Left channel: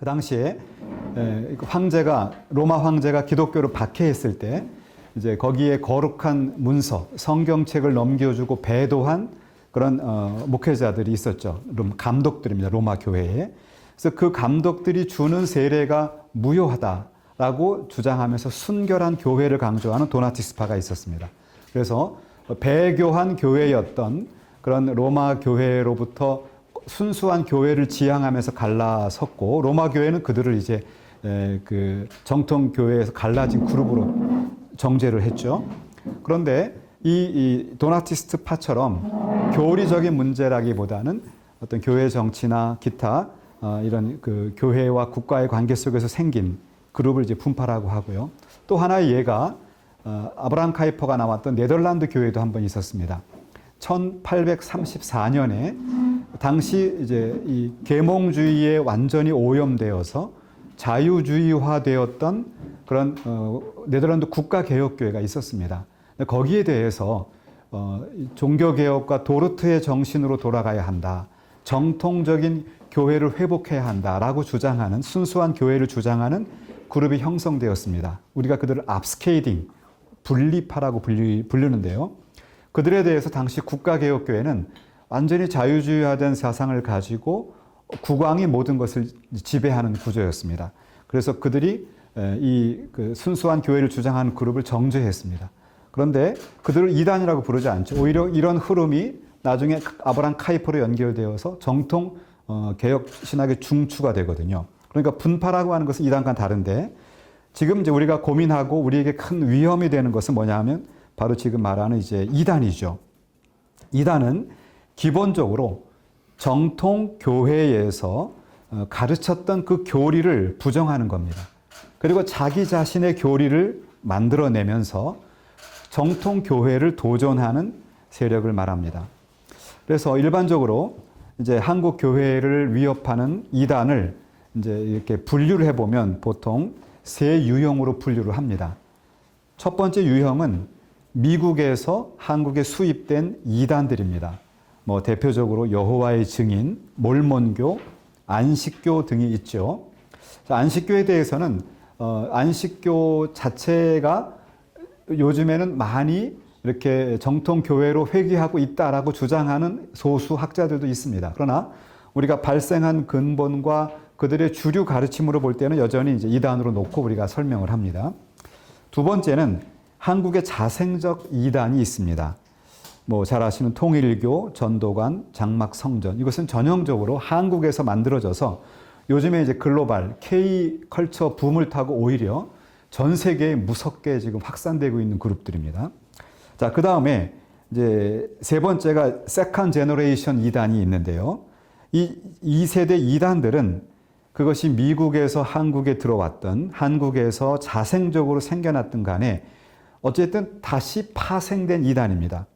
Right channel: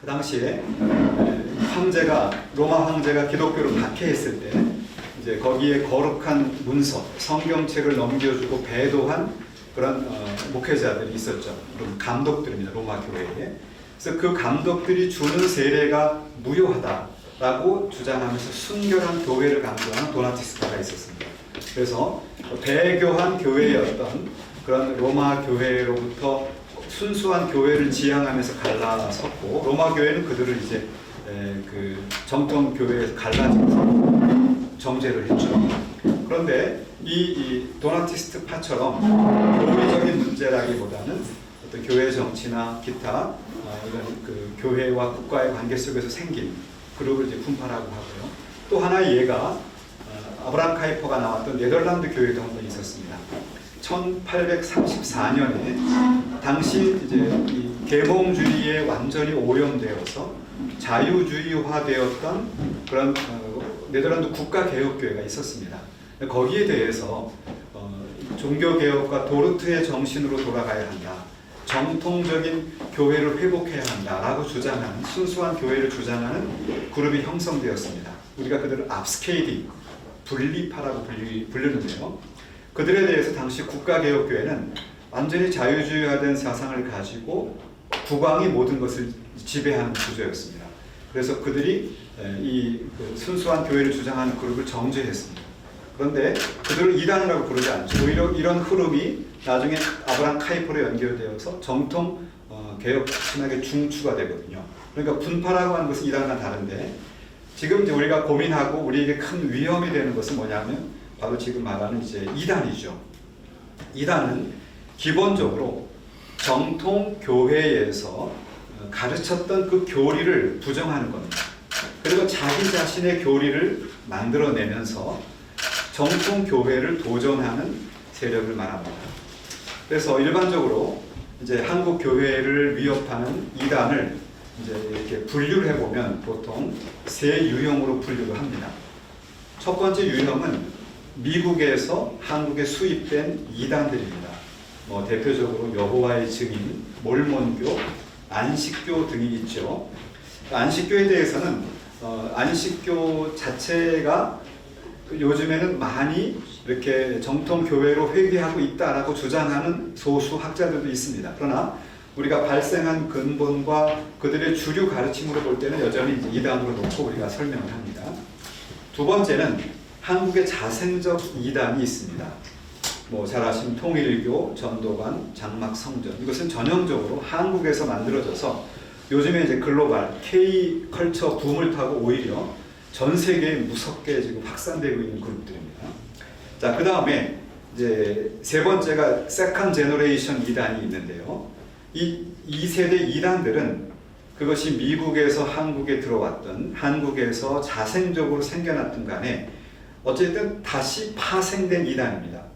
그 당시에 로마 황제가 기독교를 박해했을 때 이제 거기에 거룩한 문서, 성경책을 넘겨주고 배도한 그런 목회자들이 있었죠. 감독들입니다. 로마 교회에. 그래서 그 감독들이 주는 세례가 무효하다라고 주장하면서 순결한 교회를 강조하는 도나티스파가 있었습니다. 그래서 배교한 교회였던 그런 로마 교회로부터 순수한 교회를 지향하면서 갈라섰고, 로마 교회는 그들을 이제 그 정통 교회에서 갈라진 그룹으로 정죄를 했죠. 그런데 이 도나티스트 파처럼 교리적인 문제라기보다는 어떤 교회 정치나 기타 이런 그 교회와 국가의 관계 속에서 생긴 그룹을 이제 분파라고 하고요. 또 하나의 예가 아브라함 카이퍼가 나왔던 네덜란드 교회도 한 번 있었습니다. 1834년에 당시 이제 이 계몽주의에 완전히 오염되어서 자유주의화되었던 그런 네덜란드 국가개혁교회가 있었습니다. 거기에 대해서 종교개혁과 도르트의 정신으로 돌아가야 한다. 정통적인 교회를 회복해야 한다라고 주장하는, 순수한 교회를 주장하는 그룹이 형성되었습니다. 우리가 그들을 압스케이딩, 분리파라고 부르는데요. 그들에 대해서 당시 국가개혁교회는 완전히 자유주의화된 사상을 가지고 국왕이 모든 것을 지배하는 구조였습니다. 그래서 그들이 그 순수한 교회를 주장하는 그룹을 정죄했습니다. 그런데 그들을 이단이라고 부르지 않죠. 오히려 이런 흐름이 나중에 아브라함 카이퍼로 연결되어서 정통 개혁 신학의 중추가 되거든요. 그러니까 분파라고 하는 것은 이단과 다른데, 지금 이제 우리가 고민하고 우리에게 큰 위험이 되는 것은 뭐냐면 바로 지금 말하는 이제 이단이죠. 이단은 기본적으로 정통 교회에서 가르쳤던 그 교리를 부정하는 겁니다. 그리고 자기 자신의 교리를 만들어내면서 정통 교회를 도전하는 세력을 말합니다. 그래서 일반적으로 이제 한국 교회를 위협하는 이단을 이제 이렇게 분류를 해보면 보통 세 유형으로 분류를 합니다. 첫 번째 유형은 미국에서 한국에 수입된 이단들입니다. 뭐 대표적으로 여호와의 증인, 몰몬교, 안식교 등이 있죠. 안식교에 대해서는 안식교 자체가 요즘에는 많이 이렇게 정통 교회로 회귀하고 있다라고 주장하는 소수 학자들도 있습니다. 그러나 우리가 발생한 근본과 그들의 주류 가르침으로 볼 때는 여전히 이제 이단으로 놓고 우리가 설명을 합니다. 두 번째는 한국의 자생적 이단이 있습니다. 뭐 잘 아시는 통일교, 전도관, 장막성전, 이것은 전형적으로 한국에서 만들어져서 요즘에 이제 글로벌 K 컬처 붐을 타고 오히려 전 세계에 무섭게 지금 확산되고 있는 그룹들입니다. 자, 그 다음에 이제 세 번째가 세컨 제너레이션 이단이 있는데요. 이 2세대 이단들은 그것이 미국에서 한국에 들어왔던, 한국에서 자생적으로 생겨났던 간에 어쨌든 다시 파생된 이단입니다.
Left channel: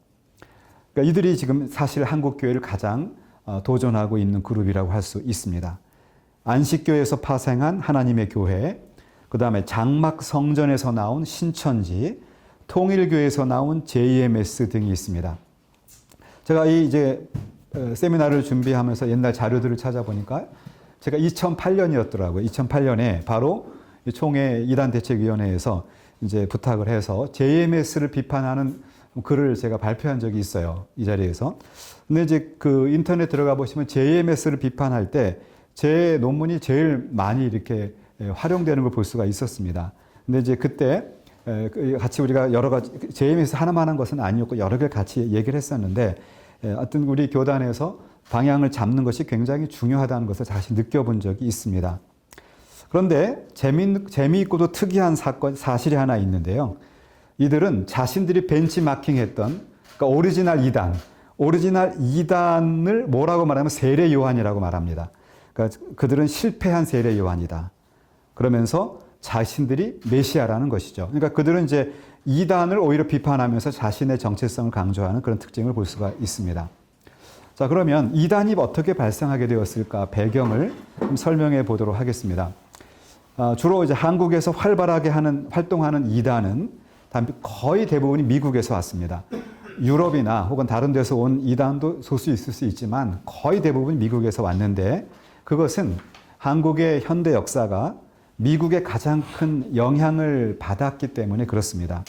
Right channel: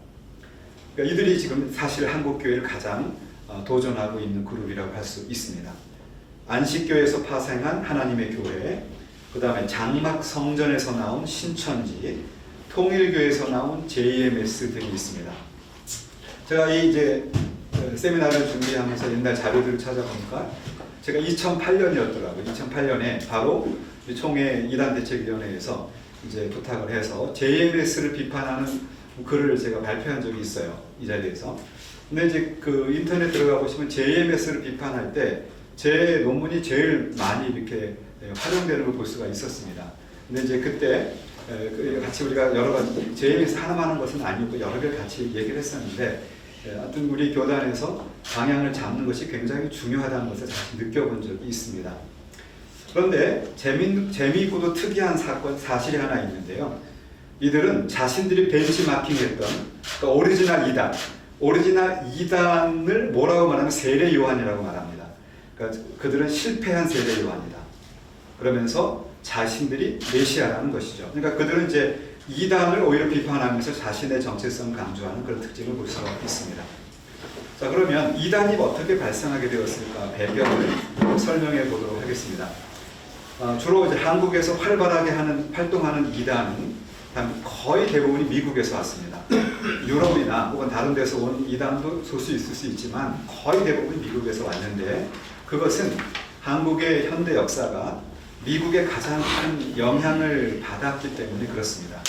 그러니까 이들이 지금 사실 한국교회를 가장 도전하고 있는 그룹이라고 할 수 있습니다. 안식교에서 파생한 하나님의 교회, 그 다음에 장막 성전에서 나온 신천지, 통일교에서 나온 JMS 등이 있습니다. 제가 이제 세미나를 준비하면서 옛날 자료들을 찾아보니까 제가 2008년이었더라고요. 2008년에 바로 총회 이단대책위원회에서 이제 부탁을 해서 JMS를 비판하는 글을 제가 발표한 적이 있어요. 이 자리에서. 근데 이제 그 인터넷 들어가 보시면 JMS를 비판할 때 제 논문이 제일 많이 이렇게 활용되는 걸 볼 수가 있었습니다. 근데 이제 그때 같이 우리가 여러 가지, JMS 하나만 하는 것은 아니었고 여러 개 같이 얘기를 했었는데, 하여튼 우리 교단에서 방향을 잡는 것이 굉장히 중요하다는 것을 다시 느껴본 적이 있습니다. 그런데 재미있고도 특이한 사실이 하나 있는데요. 이들은 자신들이 벤치마킹했던 그러니까 오리지널 이단을 뭐라고 말하면 세례 요한이라고 말합니다. 그러니까 그들은 실패한 세례 요한이다. 그러면서 자신들이 메시아라는 것이죠. 그러니까 그들은 이제 이단을 오히려 비판하면서 자신의 정체성을 강조하는 그런 특징을 볼 수가 있습니다. 자, 그러면 이단이 어떻게 발생하게 되었을까 배경을 설명해 보도록 하겠습니다. 주로 이제 한국에서 활발하게 활동하는 이단은 거의 대부분이 미국에서 왔습니다. 유럽이나 혹은 다른 데서 온 이단도 소수 있을 수 있지만 거의 대부분 미국에서 왔는데, 그것은 한국의 현대 역사가 미국의 가장 큰 영향을 받았기 때문에 그렇습니다.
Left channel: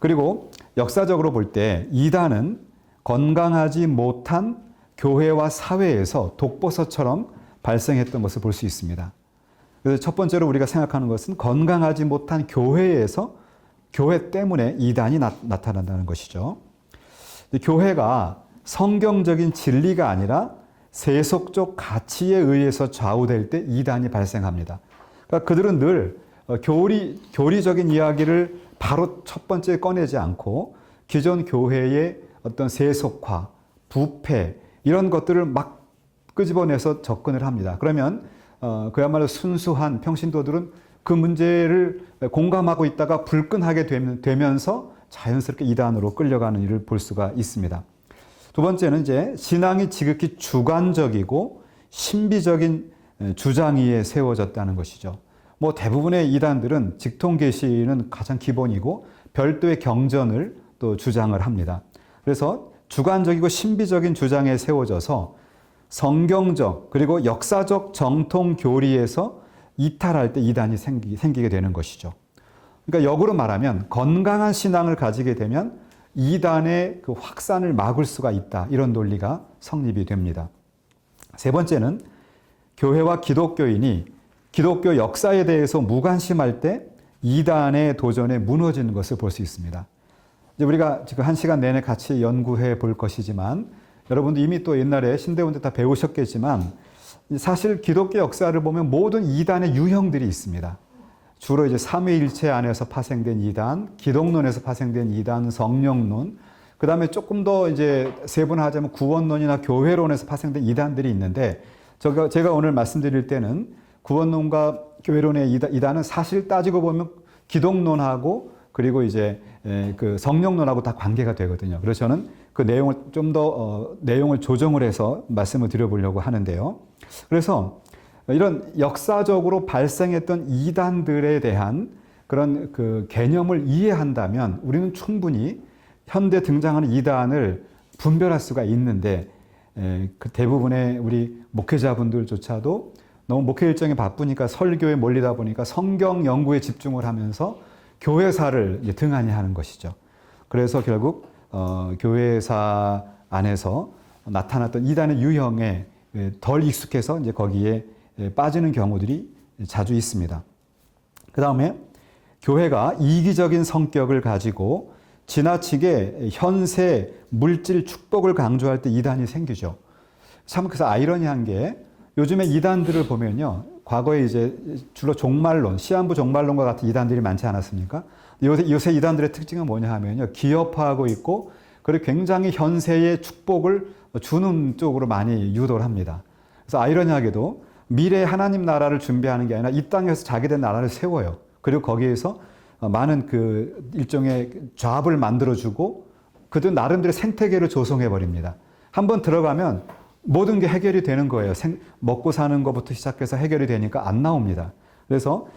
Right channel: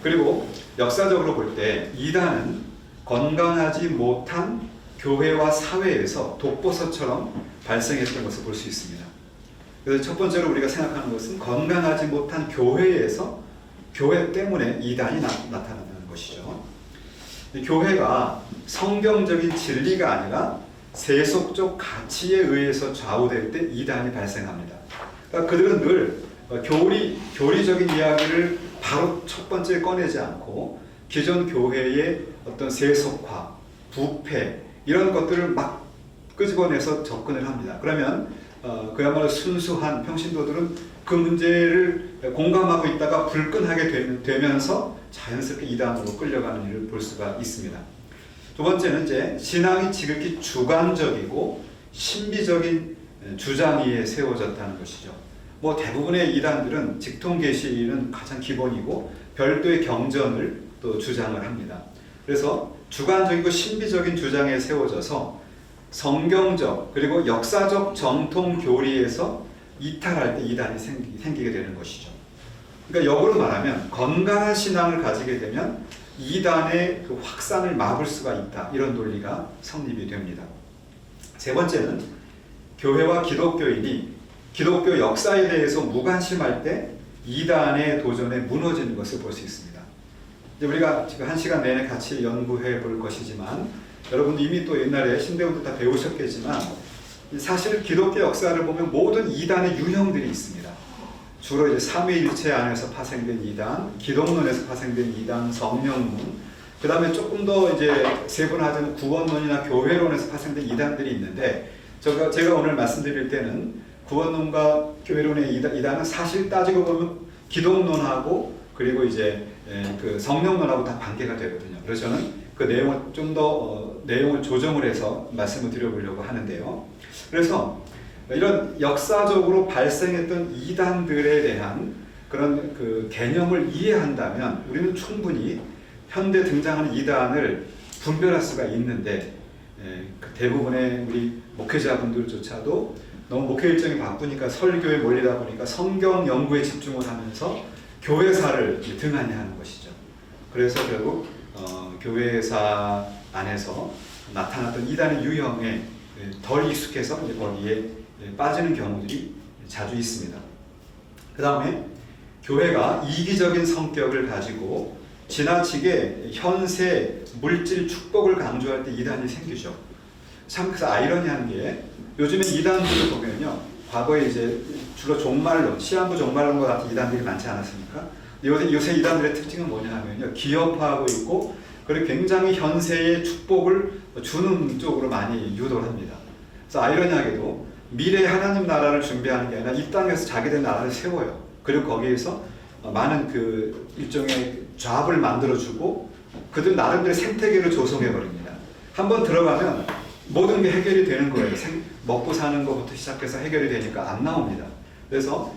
그리고 역사적으로 볼 때 이단은 건강하지 못한 교회와 사회에서 독버섯처럼 발생했던 것을 볼 수 있습니다. 그래서 첫 번째로 우리가 생각하는 것은 건강하지 못한 교회에서 교회 때문에 이단이 나타난다는 것이죠. 교회가 성경적인 진리가 아니라 세속적 가치에 의해서 좌우될 때 이단이 발생합니다. 그러니까 그들은 늘 교리적인 이야기를 바로 첫 번째 꺼내지 않고 기존 교회의 어떤 세속화, 부패 이런 것들을 막 끄집어내서 접근을 합니다. 그러면 그야말로 순수한 평신도들은 그 문제를 공감하고 있다가 불끈하게 되면서 자연스럽게 이단으로 끌려가는 일을 볼 수가 있습니다. 두 번째는 이제 신앙이 지극히 주관적이고 신비적인 주장 위에 세워졌다는 것이죠. 뭐 대부분의 이단들은 직통계시는 가장 기본이고 별도의 경전을 또 주장을 합니다. 그래서 주관적이고 신비적인 주장에 세워져서 성경적 그리고 역사적 정통 교리에서 이탈할 때 이단이 생기게 되는 것이죠. 그러니까 역으로 말하면 건강한 신앙을 가지게 되면 이단의 그 확산을 막을 수가 있다. 이런 논리가 성립이 됩니다. 세 번째는 교회와 기독교인이 기독교 역사에 대해서 무관심할 때 이단의 도전에 무너지는 것을 볼 수 있습니다. 이제 우리가 지금 1시간 내내 같이 연구해 볼 것이지만 여러분도 이미 또 옛날에 신대원도 다 배우셨겠지만 사실 기독교 역사를 보면 모든 이단의 유형들이 있습니다. 주로 이제 삼위일체 안에서 파생된 이단, 기독론에서 파생된 이단, 성령론, 그 다음에 조금 더 이제 세분화하자면 구원론이나 교회론에서 파생된 이단들이 있는데 제가 오늘 말씀드릴 때는 구원론과 교회론의 이단은 사실 따지고 보면 기독론하고 그리고 이제 그 성령론하고 다 관계가 되거든요. 그래서 저는 그 내용을 좀 더 내용을 조정을 해서 말씀을 드려보려고 하는데요. 그래서 이런 역사적으로 발생했던 이단들에 대한 그런 그 개념을 이해한다면 우리는 충분히 현대 등장하는 이단을 분별할 수가 있는데 그 대부분의 우리 목회자분들조차도 너무 목회 일정이 바쁘니까 설교에 몰리다 보니까 성경 연구에 집중을 하면서 교회사를 등한히 하는 것이죠. 그래서 결국 교회사 안에서 나타났던 이단의 유형에 덜 익숙해서 이제 거기에 빠지는 경우들이 자주 있습니다. 그 다음에 교회가 이기적인 성격을 가지고 지나치게 현세 물질 축복을 강조할 때 이단이 생기죠. 참 그래서 아이러니한 게 요즘에 이단들을 보면요. 과거에 이제 주로 종말론, 시한부 종말론과 같은 이단들이 많지 않았습니까? 요새 이단들의 특징은 뭐냐 하면요. 기업화하고 있고 그리고 굉장히 현세의 축복을 주는 쪽으로 많이 유도를 합니다. 그래서 아이러니하게도 미래 하나님 나라를 준비하는 게 아니라 이 땅에서 자기들 나라를 세워요. 그리고 거기에서 많은 그 일종의 조합을 만들어주고 그들 나름대로 생태계를 조성해버립니다. 한번 들어가면 모든 게 해결이 되는 거예요. 먹고 사는 것부터 시작해서 해결이 되니까 안 나옵니다. 그래서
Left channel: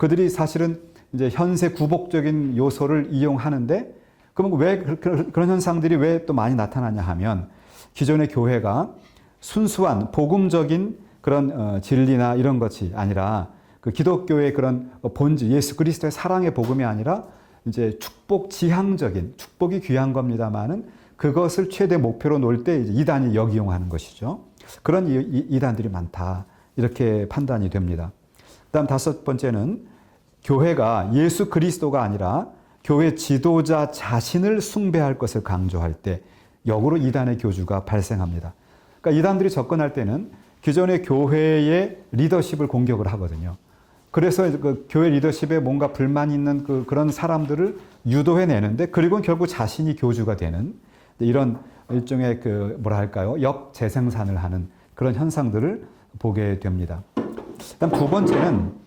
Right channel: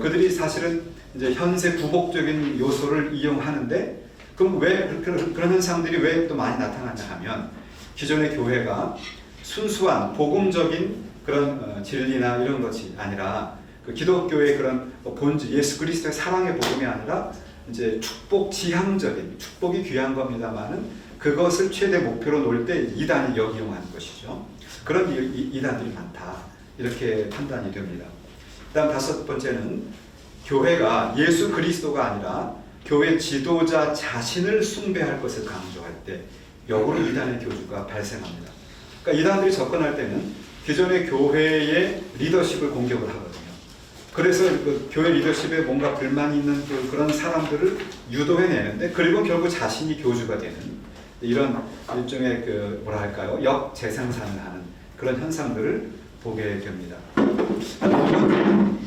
그들이 사실은 이제 현세 구복적인 요소를 이용하는데 그럼 왜 그런 현상들이 왜 또 많이 나타나냐 하면 기존의 교회가 순수한 복음적인 그런 진리나 이런 것이 아니라 그 기독교의 그런 본질, 예수 그리스도의 사랑의 복음이 아니라 이제 축복 지향적인, 축복이 귀한 겁니다만은 그것을 최대 목표로 놓을 때 이단이 역이용하는 것이죠. 그런 이단들이 많다. 이렇게 판단이 됩니다. 다음 다섯 번째는 교회가 예수 그리스도가 아니라 교회 지도자 자신을 숭배할 것을 강조할 때 역으로 이단의 교주가 발생합니다. 그러니까 이단들이 접근할 때는 기존의 교회의 리더십을 공격을 하거든요. 그래서 그 교회 리더십에 뭔가 불만이 있는 그런 사람들을 유도해내는데 그리고 결국 자신이 교주가 되는 이런 일종의 그 뭐라 할까요? 역재생산을 하는 그런 현상들을 보게 됩니다. 두 번째는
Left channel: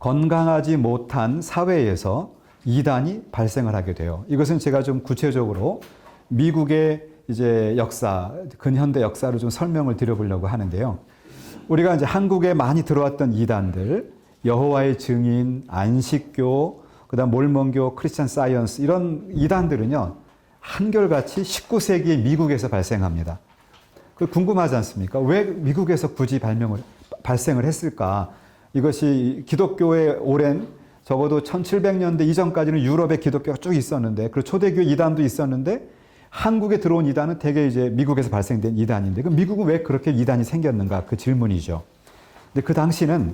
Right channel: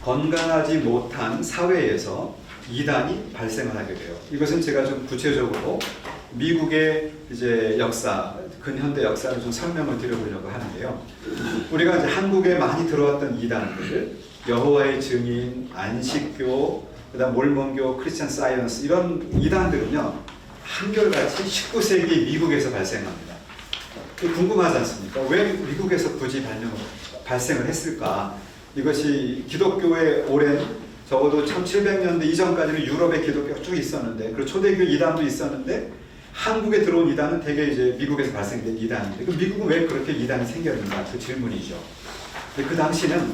건강하지 못한 사회에서 이단이 발생을 하게 돼요. 이것은 제가 좀 구체적으로 미국의 이제 역사, 근현대 역사를 좀 설명을 드려보려고 하는데요. 우리가 이제 한국에 많이 들어왔던 이단들, 여호와의 증인, 안식교, 그다음 몰몬교, 크리스천 사이언스 이런 이단들은요 한결같이 19세기 미국에서 발생합니다. 궁금하지 않습니까? 왜 미국에서 굳이 발생을 했을까? 이것이 기독교의 오랜 적어도 1700년대 이전까지는 유럽에 기독교가 쭉 있었는데, 그리고 초대교 이단도 있었는데, 한국에 들어온 이단은 대개 이제 미국에서 발생된 이단인데, 그럼 미국은 왜 그렇게 이단이 생겼는가? 그 질문이죠. 근데 그 당시는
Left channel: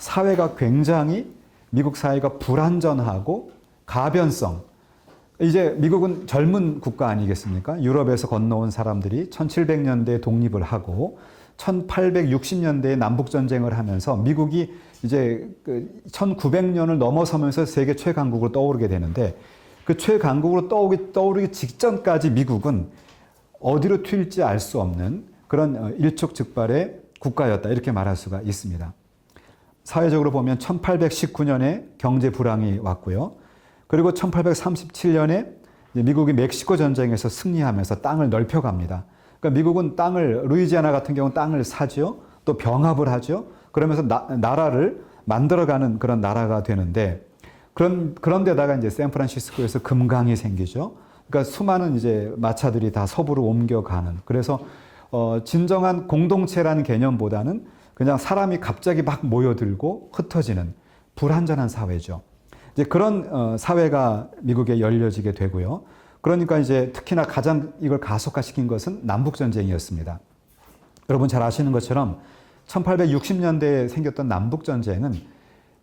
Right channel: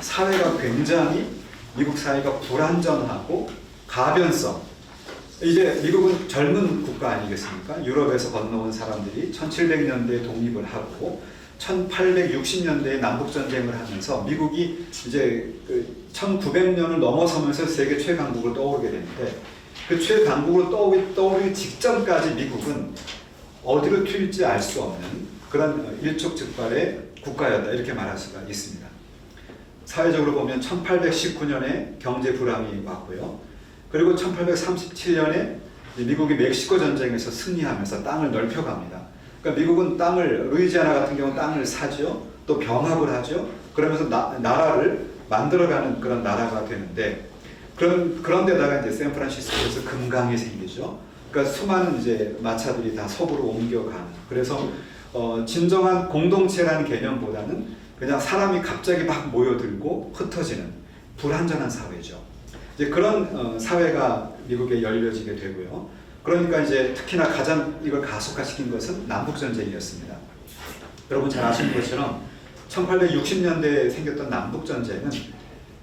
사회가 굉장히, 미국 사회가 불안전하고 가변성, 이제 미국은 젊은 국가 아니겠습니까? 유럽에서 건너온 사람들이 1700년대에 독립을 하고 1860년대에 남북전쟁을 하면서 미국이 이제 1900년을 넘어서면서 세계 최강국으로 떠오르게 되는데, 그 최강국으로 떠오르기 직전까지 미국은 어디로 튈지 알 수 없는 그런 일촉즉발의 국가였다, 이렇게 말할 수가 있습니다. 사회적으로 보면 1819년에 경제 불황이 왔고요. 그리고 1837년에 미국이 멕시코 전쟁에서 승리하면서 땅을 넓혀갑니다. 그러니까 미국은 땅을, 루이지아나 같은 경우는 땅을 사죠. 또 병합을 하죠. 그러면서 나라를 만들어가는 그런 나라가 되는데, 그런데다가 이제 샌프란시스코에서 금강이 생기죠. 그러니까 수많은 이제 마차들이 다 서부로 옮겨가는. 그래서 진정한 공동체라는 개념보다는 그냥 사람이 갑자기 막 모여들고 흩어지는 불안전한 사회죠. 이제 그런 사회가 미국에 열려지게 되고요. 그러니까 이제 특히나 가장 이걸 가속화시킨 것은 남북전쟁이었습니다. 여러분 잘 아시는 것처럼 1860년대에 생겼던 남북전쟁은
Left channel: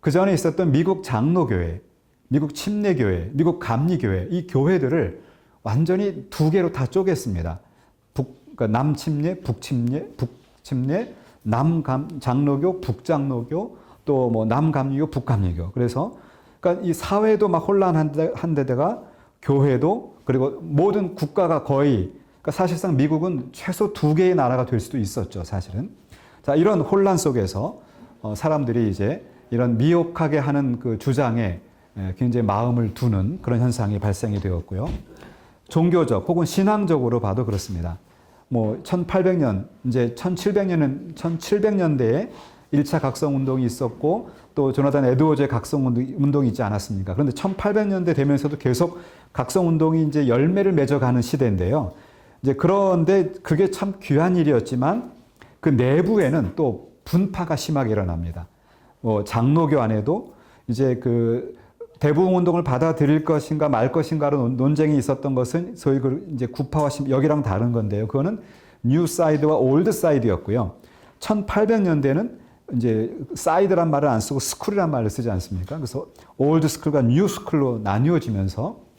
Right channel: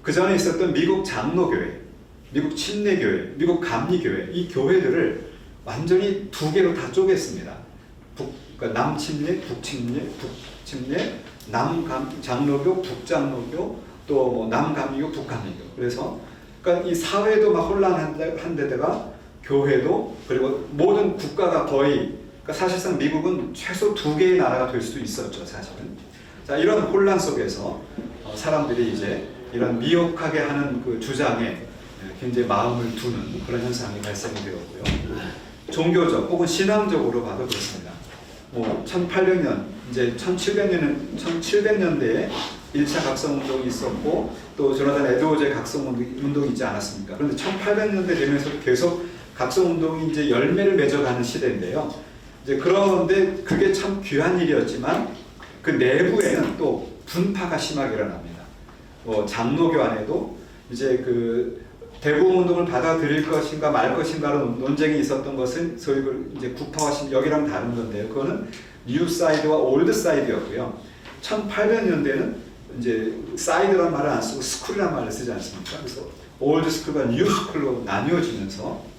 그 전에 있었던 미국 장로교회, 미국 침례교회, 미국 감리교회, 이 교회들을 완전히 두 개로 다 쪼갰습니다. 그러니까 남침례, 북침례, 남장로교, 북장로교, 또 뭐 남감리교, 북감리교. 그래서 그러니까 이 사회도 막 혼란한 데다가 교회도, 그리고 모든 국가가 거의, 그러니까 사실상 미국은 최소 두 개의 나라가 될 수도 있었죠, 사실은. 자, 이런 혼란 속에서 사람들이 이제 이런 미혹하게 하는 그 주장에 굉장히 마음을 두는 그런 현상이 발생이 되었고요. 종교적 혹은 신앙적으로 봐도 그렇습니다. 뭐 1800년, 이제 1700년대에 1차 각성운동이 있었고, 또 조나단 에드워즈의 각성운동이 있지 않았습니까? 그런데 1800년대 되면서도 계속 각성운동이 이제 열매를 맺어가는 시대인데요. 이제 그런데 그게 참 귀한 일이었지만 그 내부에는 또 분파가 심하게 일어납니다. 뭐 장로교 안에도 이제 그 대부흥 운동을 받아들일 것인가 말 것인가라는 논쟁이 있었던 것은 소위 그 이제 구파와 여기랑 다른 건데요. 그거는 뉴 사이드와 올드 사이드였고요. 1800년대는 이제 사이드란 말을 안 쓰고 스쿨이란 말을 쓰지 않습니까? 그래서 올드 스쿨과 뉴 스쿨로 나뉘어지면서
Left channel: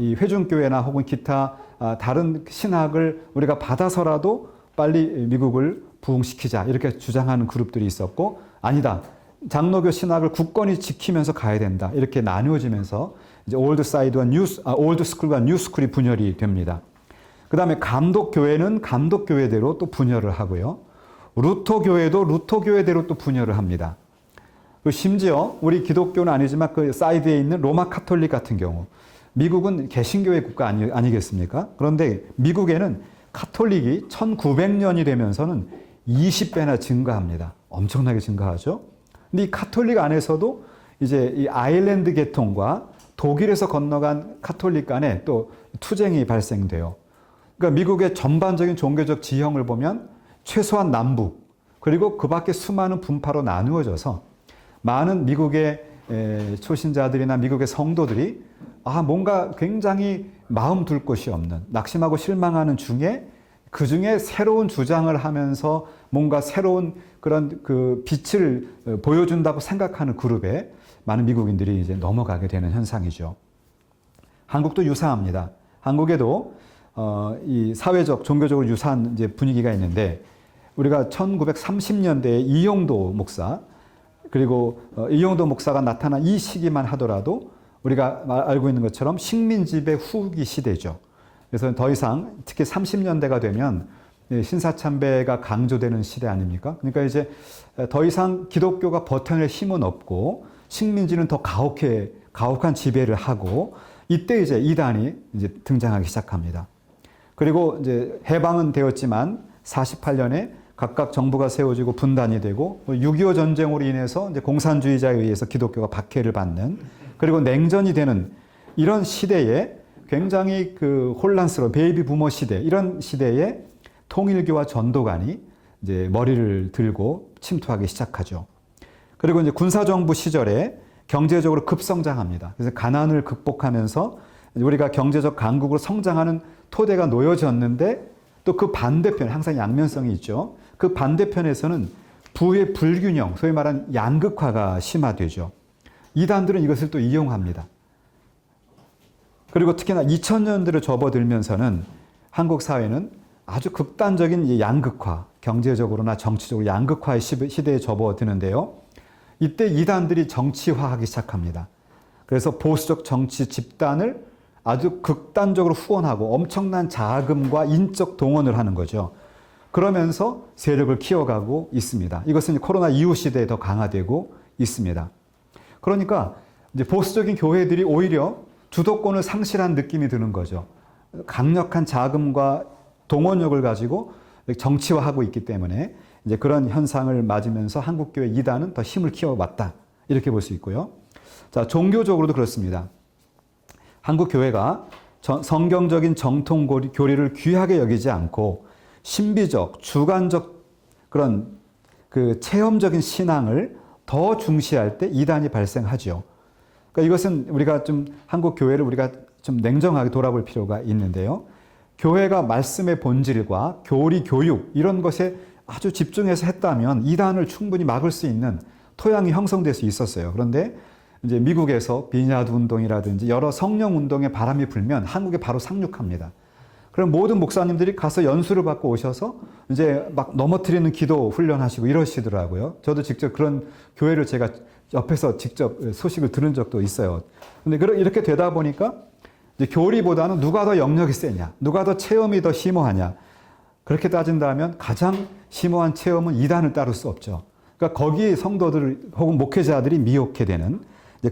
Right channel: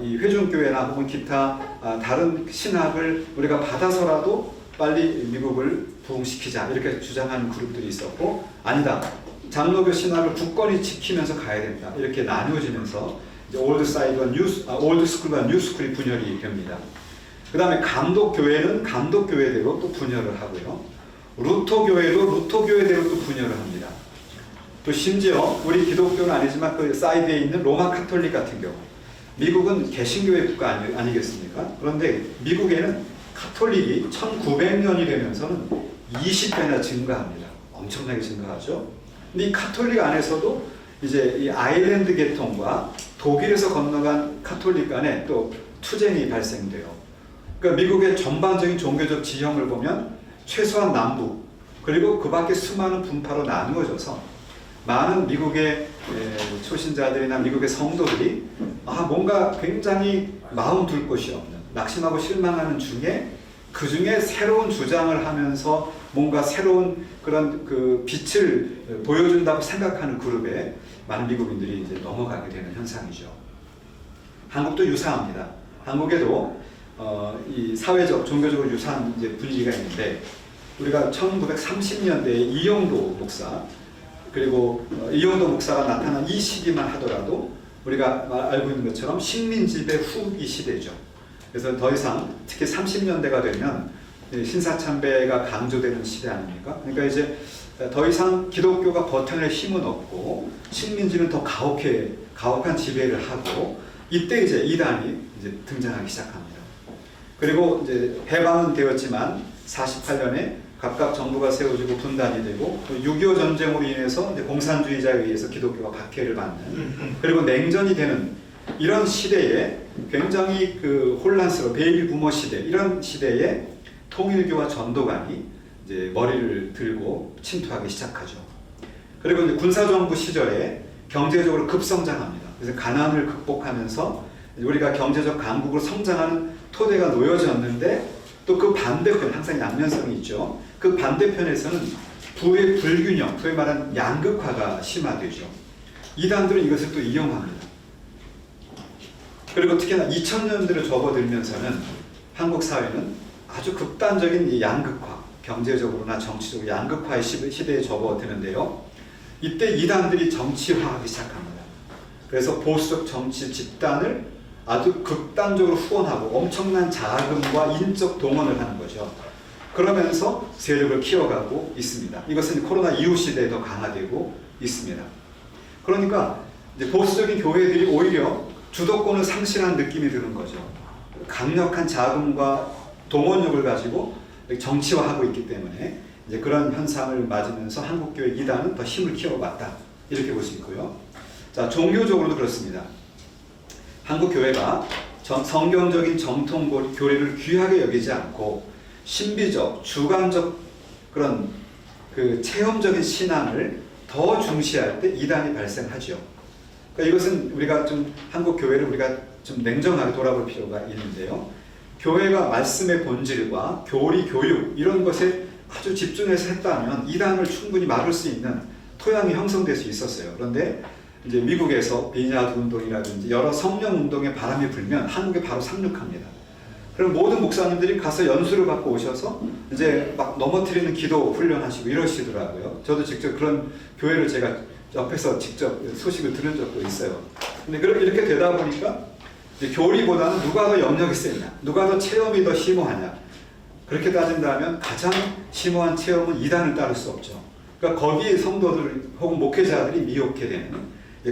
이 회중교회나 혹은 기타 다른 신학을 우리가 받아서라도 빨리 미국을 부흥시키자, 이렇게 주장하는 그룹들이 있었고, 아니다, 장로교 신학을 굳건히 지키면서 가야 된다, 이렇게 나뉘어지면서 이제 올드 사이드와 올드 스쿨과 뉴 스쿨이 분열이 됩니다. 그 다음에 감독교회는 감독교회대로 또 분열을 하고요. 루터교회도 루터교회대로 또 분열을 합니다. 또 심지어 우리 기독교는 아니지만 그 사이드에 있는 로마 카톨릭 같은 경우, 미국은 개신교회 국가 아니겠습니까? 그런데 미국에는 카톨릭이 1900년이 되면서는 20배나 증가합니다. 엄청나게 증가하죠. 근데 이 카톨릭 안에서도 이제 이 아일랜드 계통과 독일에서 건너간 카톨릭 간에 또 투쟁이 발생돼요. 그러니까 미국의 전반적인 종교적 지형을 보면 최소한 남북, 그리고 그 밖에 수많은 분파로 나누어져서 많은 미국의 초신자들이나 미국의 성도들이 뭔가 굉장히 마음 둘 곳이 없는, 낙심하고 실망하는 중에 그 중에 새로운 주장을 하면서 뭔가 새로운 그런 그 빛을 보여준다고 생각하는 그룹에 많은 미국인들이 이제 넘어가게 되는 현상이죠. 한국도 유사합니다. 한국에도 이 사회적, 종교적으로 유사한 이제 분위기가 있는데, 우리가 1930년대에 이용도 목사, 그리고 이용도 목사가 나타난 이 시기만 하더라도 우리가 알고 있는 것처럼 식민지배 후기 시대죠. 그래서 더 이상 특히 30년대가 되면 신사참배가 강조되는 시대 아닙니까? 그러니까 이제 더 이상 기독교가 버텨낼 힘은 없고 식민지는 더 가혹한 지배를 하고, 이때 이제 이단이 이제 등장하기 시작합니다. 그리고 이제 해방은 되었지만 48년에 각각 정부가 세워지고 분단이 되고, 또 6.25 전쟁으로 인해서 이제 공산주의자에 의해서 기독교가 박해를 받는, 그리고 냉전이 되는 이런 시대에 굉장히 그 혼란스러운 베이비 부머 시대, 이런 시대에 통일교와 전도관이 이제 머리를 들고 침투하기 시작하죠. 그리고 이제 군사정부 시절에 경제적으로 급성장합니다. 그래서 가난을 극복하면서 우리가 경제적 강국으로 성장하는 토대가 놓여졌는데 또 그 반대편, 항상 양면성이 있죠. 그 반대편에서는 부의 불균형, 소위 말하는 양극화가 심화되죠. 이단들은 이것을 또 이용합니다. 그리고 특히나 2000년대로 접어들면서는 한국 사회는 아주 극단적인 양극화, 경제적으로나 정치적으로 양극화의 시대에 접어드는데요. 이때 이단들이 정치화하기 시작합니다. 그래서 보수적 정치 집단을 아주 극단적으로 후원하고 엄청난 자금과 인적 동원을 하는 거죠. 그러면서 세력을 키워가고 있습니다. 이것은 코로나 이후 시대에 더 강화되고 있습니다. 그러니까 이제 보수적인 교회들이 오히려 주도권을 상실한 느낌이 드는 거죠. 강력한 자금과 동원력을 가지고 정치화하고 있기 때문에 이제 그런 현상을 맞으면서 한국교회 이단은 더 힘을 키워왔다. 이렇게 볼 수 있고요. 자, 종교적으로도 그렇습니다. 한국교회가 성경적인 정통 교리를 귀하게 여기지 않고 신비적, 주관적 그런 그 체험적인 신앙을 더 중시할 때 이단이 발생하죠. 그러니까 이것은 우리가 좀 한국 교회를 우리가 좀 냉정하게 돌아볼 필요가 있는데요. 교회가 말씀의 본질과 교리, 교육 이런 것에 아주 집중해서 했다면 이단을 충분히 막을 수 있는 토양이 형성될 수 있었어요. 그런데 이제 미국에서 비냐드 운동이라든지 여러 성령 운동의 바람이 불면 한국에 바로 상륙합니다. 그럼 모든 목사님들이 가서 연수를 받고 오셔서 이제 막 넘어뜨리는 기도 훈련하시고 이러시더라고요. 저도 직접 그런 교회를 제가 옆에서 직접 소식을 들은 적도 있어요. 근데 이렇게 되다 보니까 이제 교리보다는 누가 더 영역이 세냐, 누가 더 체험이 더 심오하냐. 그렇게 따진다면 가장 심오한 체험은 이단을 따를 수 없죠. 그러니까 거기에 성도들 혹은 목회자들이 미혹게 되는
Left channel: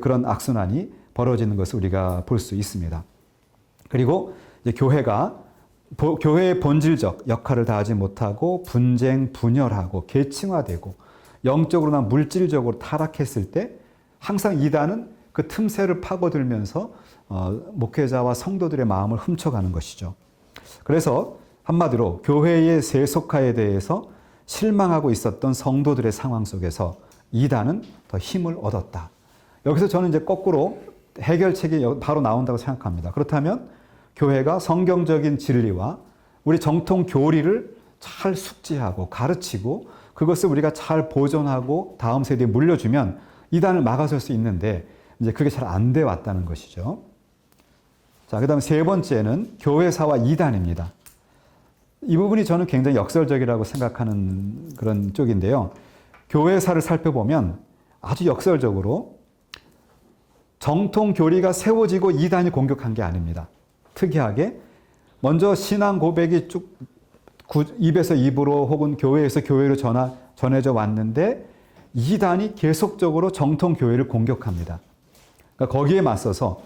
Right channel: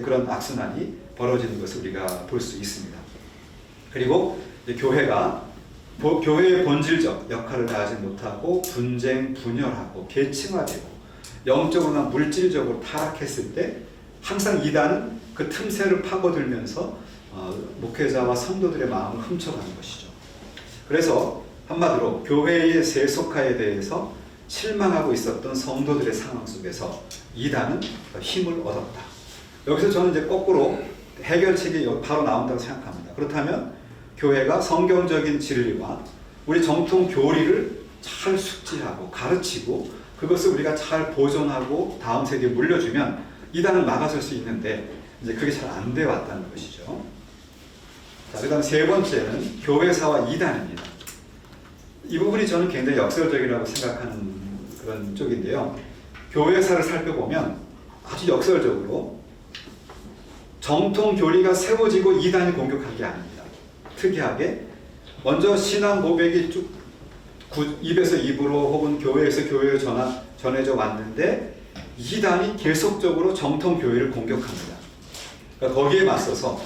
그런 악순환이 벌어지는 것을 우리가 볼 수 있습니다. 그리고 교회가 교회의 본질적 역할을 다하지 못하고 분쟁, 분열하고 계층화되고 영적으로나 물질적으로 타락했을 때 항상 이단은 그 틈새를 파고들면서 목회자와 성도들의 마음을 훔쳐가는 것이죠. 그래서 한마디로 교회의 세속화에 대해서 실망하고 있었던 성도들의 상황 속에서 이단은 더 힘을 얻었다. 여기서 저는 이제 거꾸로 해결책이 바로 나온다고 생각합니다. 그렇다면 교회가 성경적인 진리와 우리 정통 교리를 잘 숙지하고 가르치고 그것을 우리가 잘 보존하고 다음 세대에 물려주면 이단을 막아설 수 있는데 이제 그게 잘 안 돼 왔다는 것이죠. 자, 그 다음 세 번째는 교회사와 이단입니다. 이 부분이 저는 굉장히 역설적이라고 생각하는 그런 쪽인데요. 교회사를 살펴보면 아주 역설적으로 정통 교리가 세워지고 이단이 공격한 게 아닙니다. 특이하게 먼저 신앙 고백이 쭉 입에서 입으로 혹은 교회에서 교회로 전해져 왔는데 이단이 계속적으로 정통 교회를 공격합니다. 그러니까 거기에 맞서서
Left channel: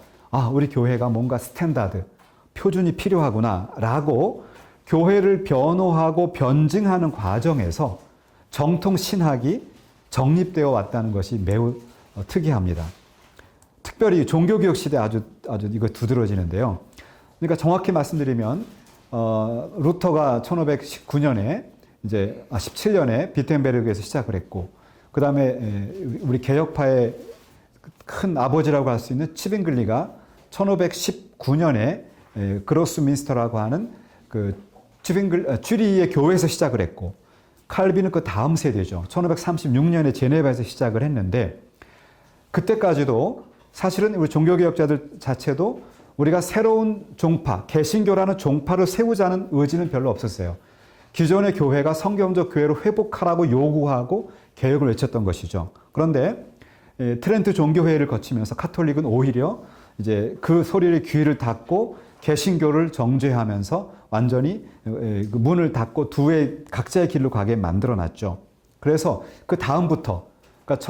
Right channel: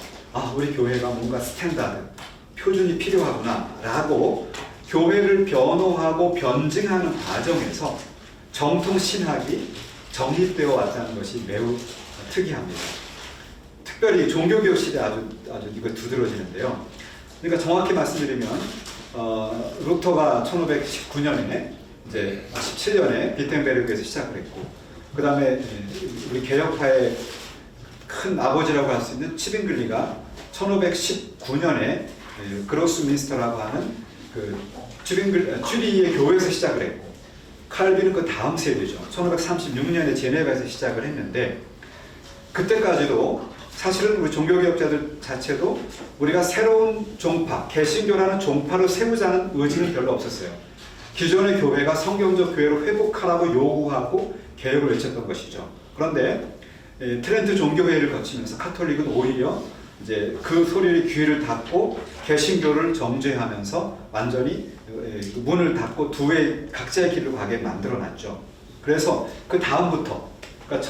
우리 교회가 뭔가 스탠다드, 표준이 필요하구나 라고 교회를 변호하고 변증하는 과정에서 정통 신학이 정립되어 왔다는 것이 매우 특이합니다. 특별히 종교개혁 시대에 아주 이거 두드러지는데요. 그러니까 정확히 말씀드리면 루터가 1519년에 이제 17년에 비텐베르크에서 시작을 했고 그 다음에 우리 개혁파의 큰 아버지라고 할 수 있는 치빙글리가 1519년에 그로스민스터라고 하는 그 쭈리의 교회에서 시작을 했고 칼빈은 그 다음 세대죠. 1536년에 제네바에서 시작을 했는데 그때까지도 사실은 우리 종교개혁자들 자체도 우리가 새로운 종파, 개신교라는 종파를 세우자는 의지는 별로 없었어요. 기존의 교회가 성경적 교회를 회복하라고 요구하고 개혁을 외쳤던 것이죠. 그런데 트렌트 종교회의를 거치면서 카톨릭은 오히려 이제 그 소리에 귀를 닫고 개신교를 정죄하면서 완전히 문을 닫고 두의 각자의 길로 가게 만들어놨죠. 그래서 그 다음부터, 그러니까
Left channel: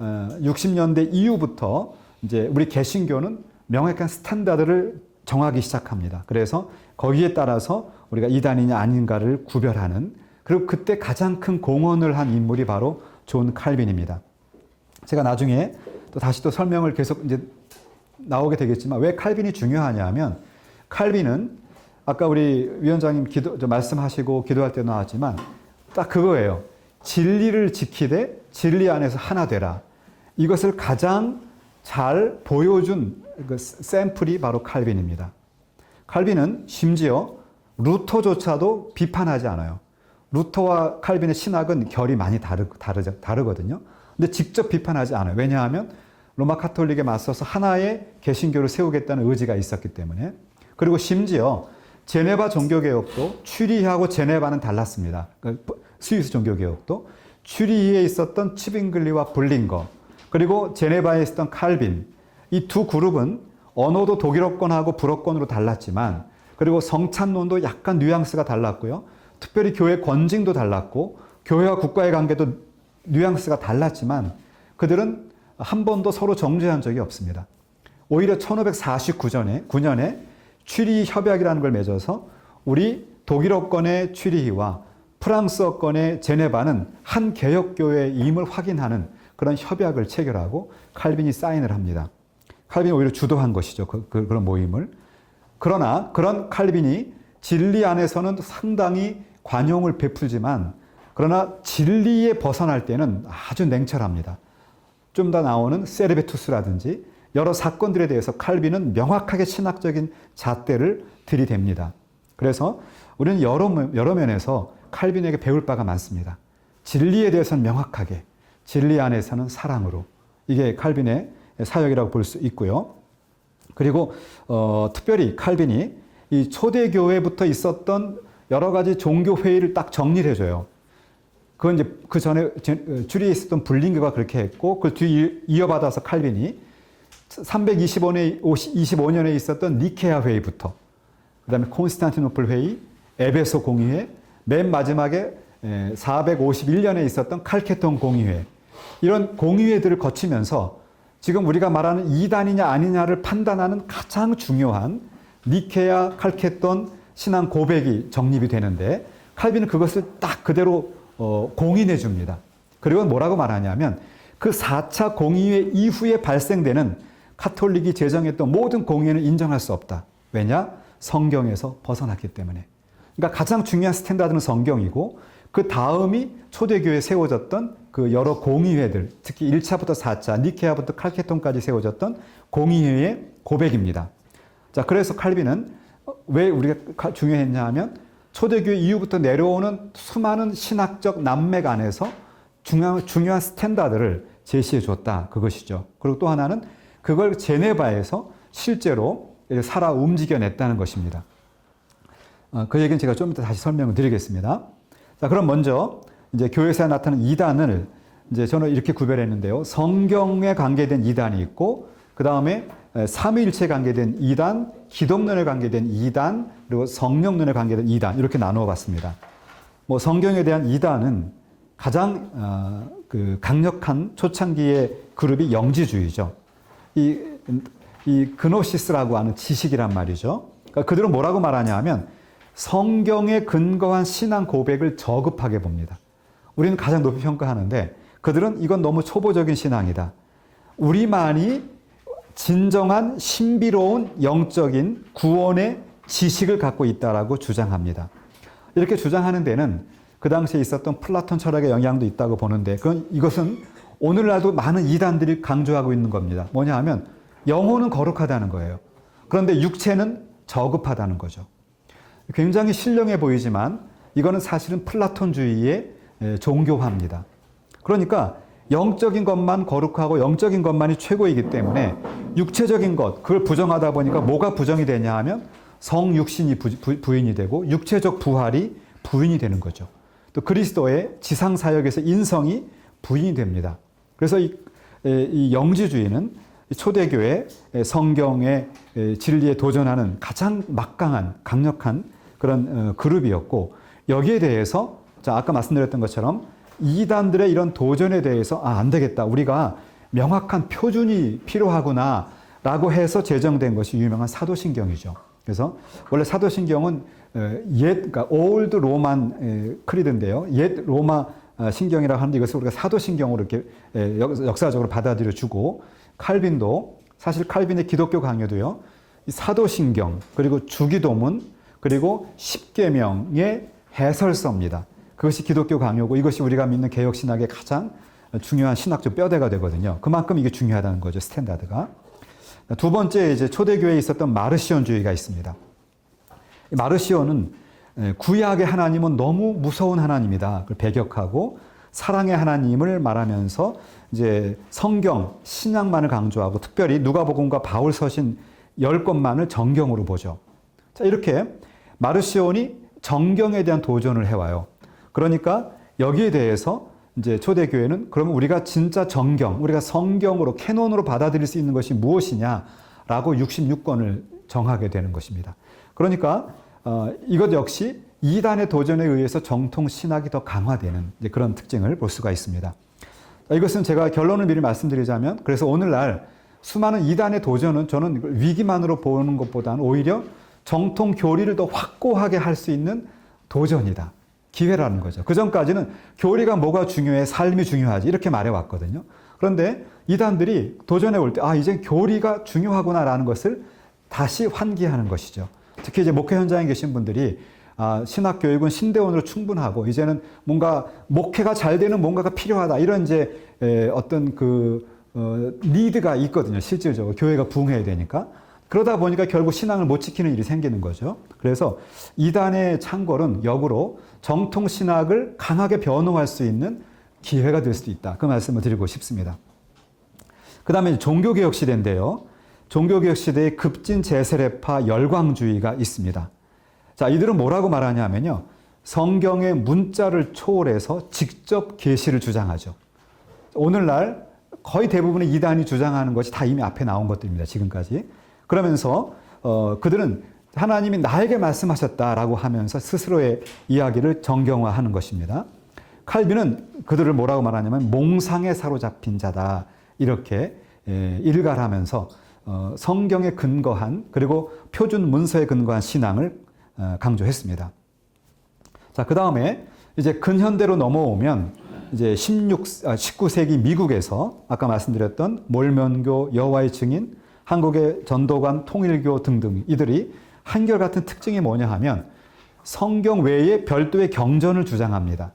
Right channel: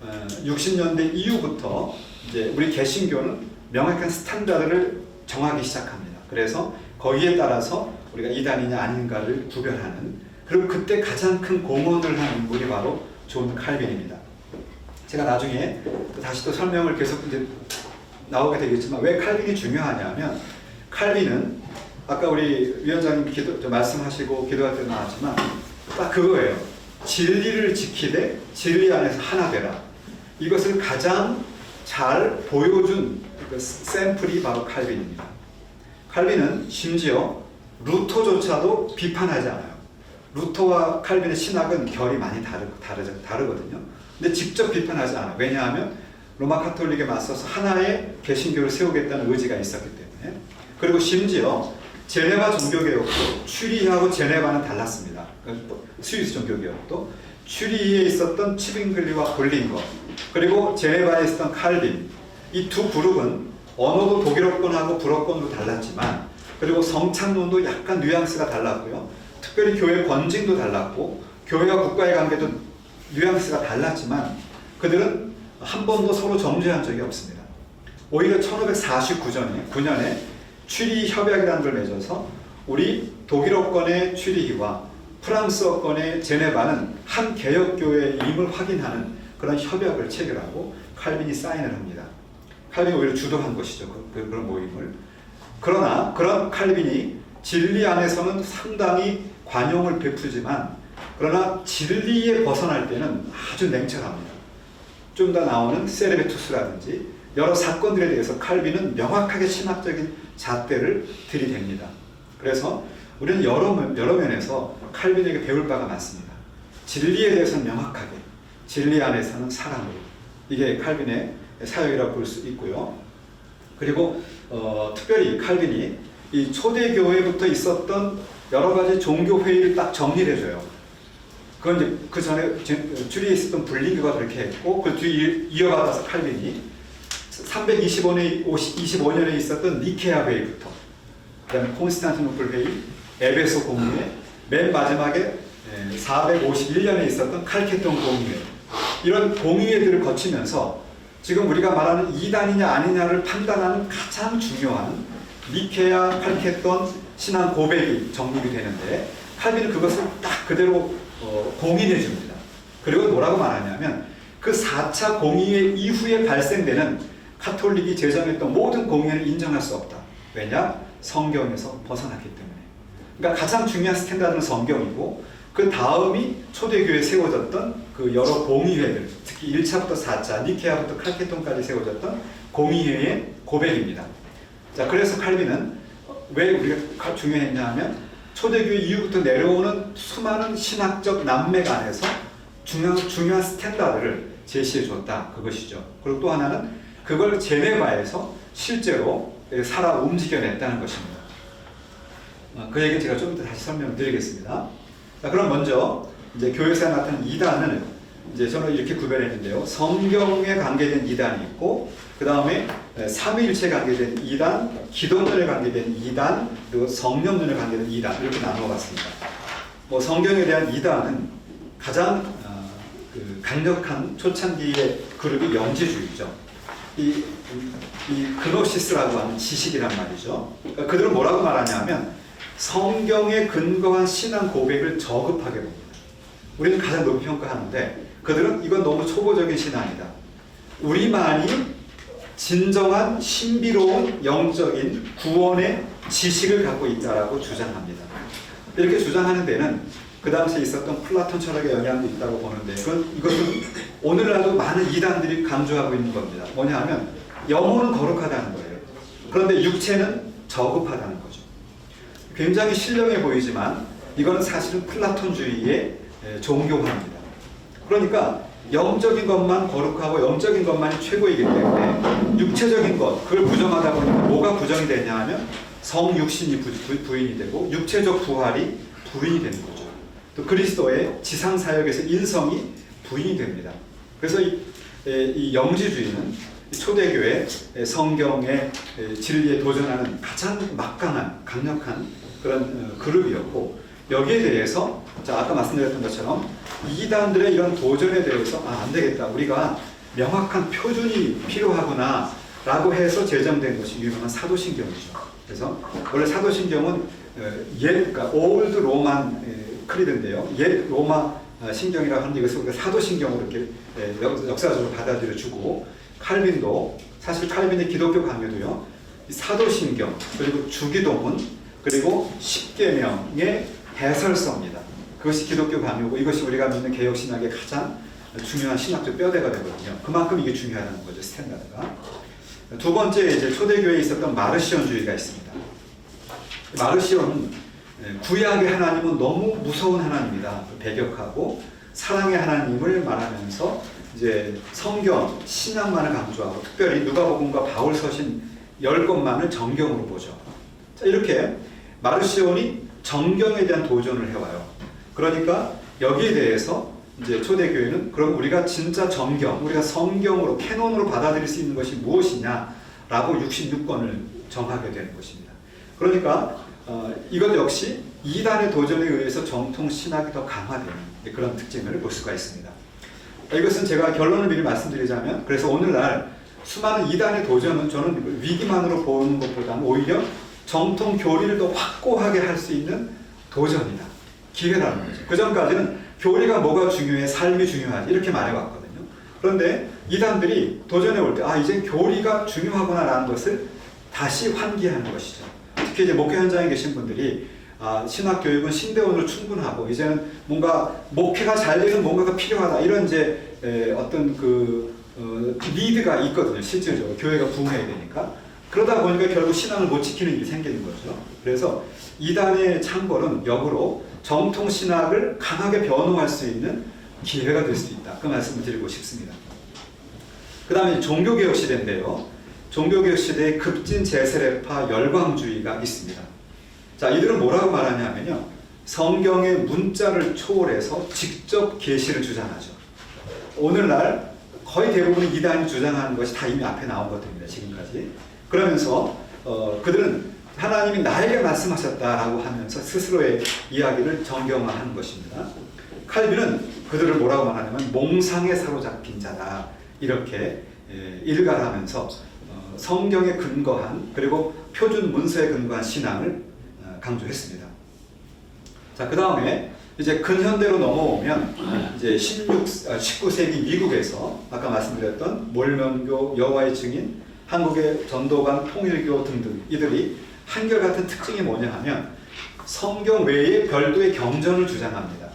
1560년대 이후부터 이제 우리 개신교는 명확한 스탠다드를 정하기 시작합니다. 그래서 거기에 따라서 우리가 이단이냐 아닌가를 구별하는, 그리고 그때 가장 큰 공헌을 한 인물이 바로 존 칼빈입니다. 제가 나중에 다시 또 설명을 계속 이제 나오게 되겠지만 왜 칼빈이 중요하냐면, 칼빈은 아까 우리 위원장님 말씀하시고 기도할 때 나왔지만 딱 그거예요. 진리를 지키되 진리 안에서 하나 되라. 이것을 가장 잘 보여준 그 샘플이 바로 칼빈입니다. 칼빈은 심지어 루터조차도 비판하지 않아요. 루터와 칼빈의 신학은 결이 많이 다르거든요. 근데 직접 비판하지 않아요. 왜냐하면 로마 카톨릭에 맞서서 하나의 개신교를 세우겠다는 의지가 있었기 때문에. 그리고 심지어 제네바 종교개혁도 추리하고 제네바는 달랐습니다. 스위스 종교개혁도 추리에 있었던 치빙글리와 볼링거, 그리고 제네바에 있었던 칼빈, 이 두 그룹은 언어도 독일어권하고 불어권으로 달랐지만, 그리고 성찬론도 약간 뉘앙스가 달랐고요. 특별히 교회 권징도 달랐고 교회와 국가의 관계도 뉘앙스가 달랐지만 그들은 한 번도 서로 정죄한 적이 없습니다. 오히려 1549년에 추리 협약이라는 걸 맺어서 우리 독일어권의 추리히와 프랑스어권의 제네바는 한 개혁교회임을 확인하는 그런 협약을 체결하고 칼빈이 사인을 합니다. 칼빈이 오히려 주도한 것이죠. 그런 모임을. 그러나 그런 칼빈이 진리 안에서는 상당히 관용을 베푸지만, 그러나 진리에 벗어날 때는 아주 냉철합니다. 좀 더 나오는 세르베투스라든지 여러 사건들에 대해서 칼빈은 명확하게 신학적인 잣대를 들이댑니다. 그래서 우리는 여러 면에서 칼빈에게 배울 바가 많습니다. 진리에 대해서는 명확하게, 진리 안에서는 사랑으로. 이게 칼빈의 사역이라고 볼 수 있고요. 그리고 특별히 칼빈이 이 초대교회부터 있었던 여러 가지 종교 회의를 딱 정리를 해줘요. 그건 이제 그 전에 주리에 있었던 불린교가 그렇게 했고, 그 뒤에 이어받아서 칼빈이 325년에 있었던 니케아 회의부터, 그 다음에 콘스탄티노플 회의, 에베소 공의회, 맨 마지막에 451년에 있었던 칼케톤 공의회, 이런 공의회들을 거치면서 지금 우리가 말하는 이단이냐 아니냐를 판단하는 가장 중요한 니케아 칼케톤 신앙 고백이 정립이 되는데, 칼빈은 그것을 딱 그대로 공인해 줍니다. 그리고 뭐라고 말하냐면 그 4차 공의회 이후에 발생되는 카톨릭이 제정했던 모든 공의회는 인정할 수 없다. 왜냐? 성경에서 벗어났기 때문에. 그러니까 가장 중요한 스탠다드는 성경이고, 그 다음이 초대교회에 세워졌던 그 여러 공의회들, 특히 1차부터 4차, 니케아부터 칼케톤까지 세워졌던 공의회의 고백입니다. 자, 그래서 칼빈은 왜 우리가 중요했냐 하면 초대교회 이후부터 내려오는 수많은 신학적 난맥 안에서 중요한 스탠다드를 제시해 줬다. 그것이죠. 그리고 또 하나는 그걸 제네바에서 실제로 살아 움직여냈다는 것입니다. 그 얘기는 제가 좀 이따 다시 설명을 드리겠습니다. 자, 그럼 먼저 이제 교회사에 나타난 이단을 이제 저는 이렇게 구별했는데요. 성경에 관계된 이단이 있고, 그 다음에 삼위일체에 관계된 이단, 기독론에 관계된 이단, 그리고 성령론에 관계된 이단, 이렇게 나누어 봤습니다. 뭐 성경에 대한 이단은 가장 강력한 초창기의 그룹이 영지주의죠. 이 그노시스라고 하는 지식이란 말이죠. 그러니까 그들은 뭐라고 말하냐면 성경에 근거한 신앙 고백을 저급하게 봅니다. 우리는 가장 높이 평가하는데 그들은 이건 너무 초보적인 신앙이다. 우리만이 진정한 신비로운 영적인 구원의 지식을 갖고 있다라고 주장합니다. 이렇게 주장하는 데는 그 당시에 있었던 플라톤 철학의 영향도 있다고 보는데, 이것은 오늘날도 많은 이단들이 강조하고 있는 겁니다. 뭐냐 하면 영혼은 거룩하다는 거예요. 그런데 육체는 저급하다는 거죠. 굉장히 신령해 보이지만 이거는 사실은 플라톤주의의 종교화입니다. 그러니까 영적인 것만 거룩하고 영적인 것만이 최고이기 때문에 육체적인 것, 그걸 부정하다 보니까 뭐가 부정이 되냐 하면 성육신이 부인이 되고 육체적 부활이 부인이 되는 거죠. 또 그리스도의 지상사역에서 인성이 부인이 됩니다. 그래서 이 영지주의는 초대교회 성경의 진리에 도전하는 가장 막강한 강력한 그런 그룹이었고, 여기에 대해서 아까 말씀드렸던 것처럼 이단들의 이런 도전에 대해서 안 되겠다, 우리가 명확한 표준이 필요하구나 라고 해서 제정된 것이 유명한 사도신경이죠. 그래서 원래 사도신경은 그러니까 올드 로만 크리드인데요, 옛 로마 신경이라고 하는데 이것을 우리가 사도신경으로 이렇게 역사적으로 받아들여주고, 칼빈도 사실 칼빈의 기독교 강요도요, 사도신경 그리고 주기도문 그리고 십계명의 해설서입니다. 그것이 기독교 강요고 이것이 우리가 믿는 개혁신학의 가장 중요한 신학적 뼈대가 되거든요. 그만큼 이게 중요하다는 거죠, 스탠다드가. 두 번째, 이제 초대교회에 있었던 마르시온주의가 있습니다. 마르시온은 구약의 하나님은 너무 무서운 하나님이다. 배격하고 사랑의 하나님을 말하면서 이제 성경, 신약만을 강조하고 특별히 누가복음과 바울 서신 10권만을 정경으로 보죠. 자, 이렇게 마르시온이 정경에 대한 도전을 해와요. 그러니까 여기에 대해서 이제 초대교회는 그럼 우리가 진짜 정경, 우리가 성경으로 캐논으로 받아들일 수 있는 것이 무엇이냐라고 66권을 정하게 되는 것입니다. 그러니까 이것 역시 이단의 도전에 의해서 정통 신학이 더 강화되는 그런 특징을 볼 수가 있습니다. 이것은 제가 결론을 미리 말씀드리자면, 그래서 오늘날 수많은 이단의 도전은 저는 위기만으로 보는 것보다는 오히려 정통 교리를 더 확고하게 할 수 있는 도전이다. 기회라는 거죠. 그 전까지는 교리가 뭐가 중요해, 삶이 중요하지 이렇게 말해왔거든요. 그런데 이단들이 도전해 올 때 이제 교리가 중요하구나라는 것을 다시 환기하는 것이죠. 특히 이제 목회 현장에 계신 분들이 신학 교육은 신대원으로 충분하고 이제는 뭔가 목회가 잘 되는 뭔가가 필요하다 이런 이제 어떤 리드가 있거든요. 실질적으로 교회가 부흥해야 되니까. 그러다 보니까 결국 신앙을 못 지키는 일이 생기는 거죠. 그래서 이단의 창궐은 역으로 정통 신학을 강하게 변호할 수 있는 기회가 될 수도 있다. 그 말씀을 드리고 싶습니다. 그 다음에 종교개혁 시대인데요. 종교개혁 시대에 급진 제세례파 열광주의가 있습니다. 자, 이들은 뭐라고 말하냐면요. 성경의 문자를 초월해서 직접 계시를 주장하죠. 오늘날 거의 대부분의 이단이 주장하는 것이 다 이미 앞에 나온 것들입니다. 지금까지. 그러면서 그들은 하나님이 나에게 말씀하셨다라고 하면서 스스로의 이야기를 정경화하는 것입니다. 칼빈은 그들을 뭐라고 말하냐면 몽상에 사로잡힌 자다. 이렇게 일갈하면서 성경에 근거한 그리고 표준 문서에 근거한 신앙을 강조했습니다. 자, 그 다음에 이제 근현대로 넘어오면 이제 19세기 미국에서 아까 말씀드렸던 몰몬교, 여호와의 증인, 한국의 전도관, 통일교 등등 이들이 한결같은 특징이 뭐냐 하면 성경 외에 별도의 경전을 주장합니다.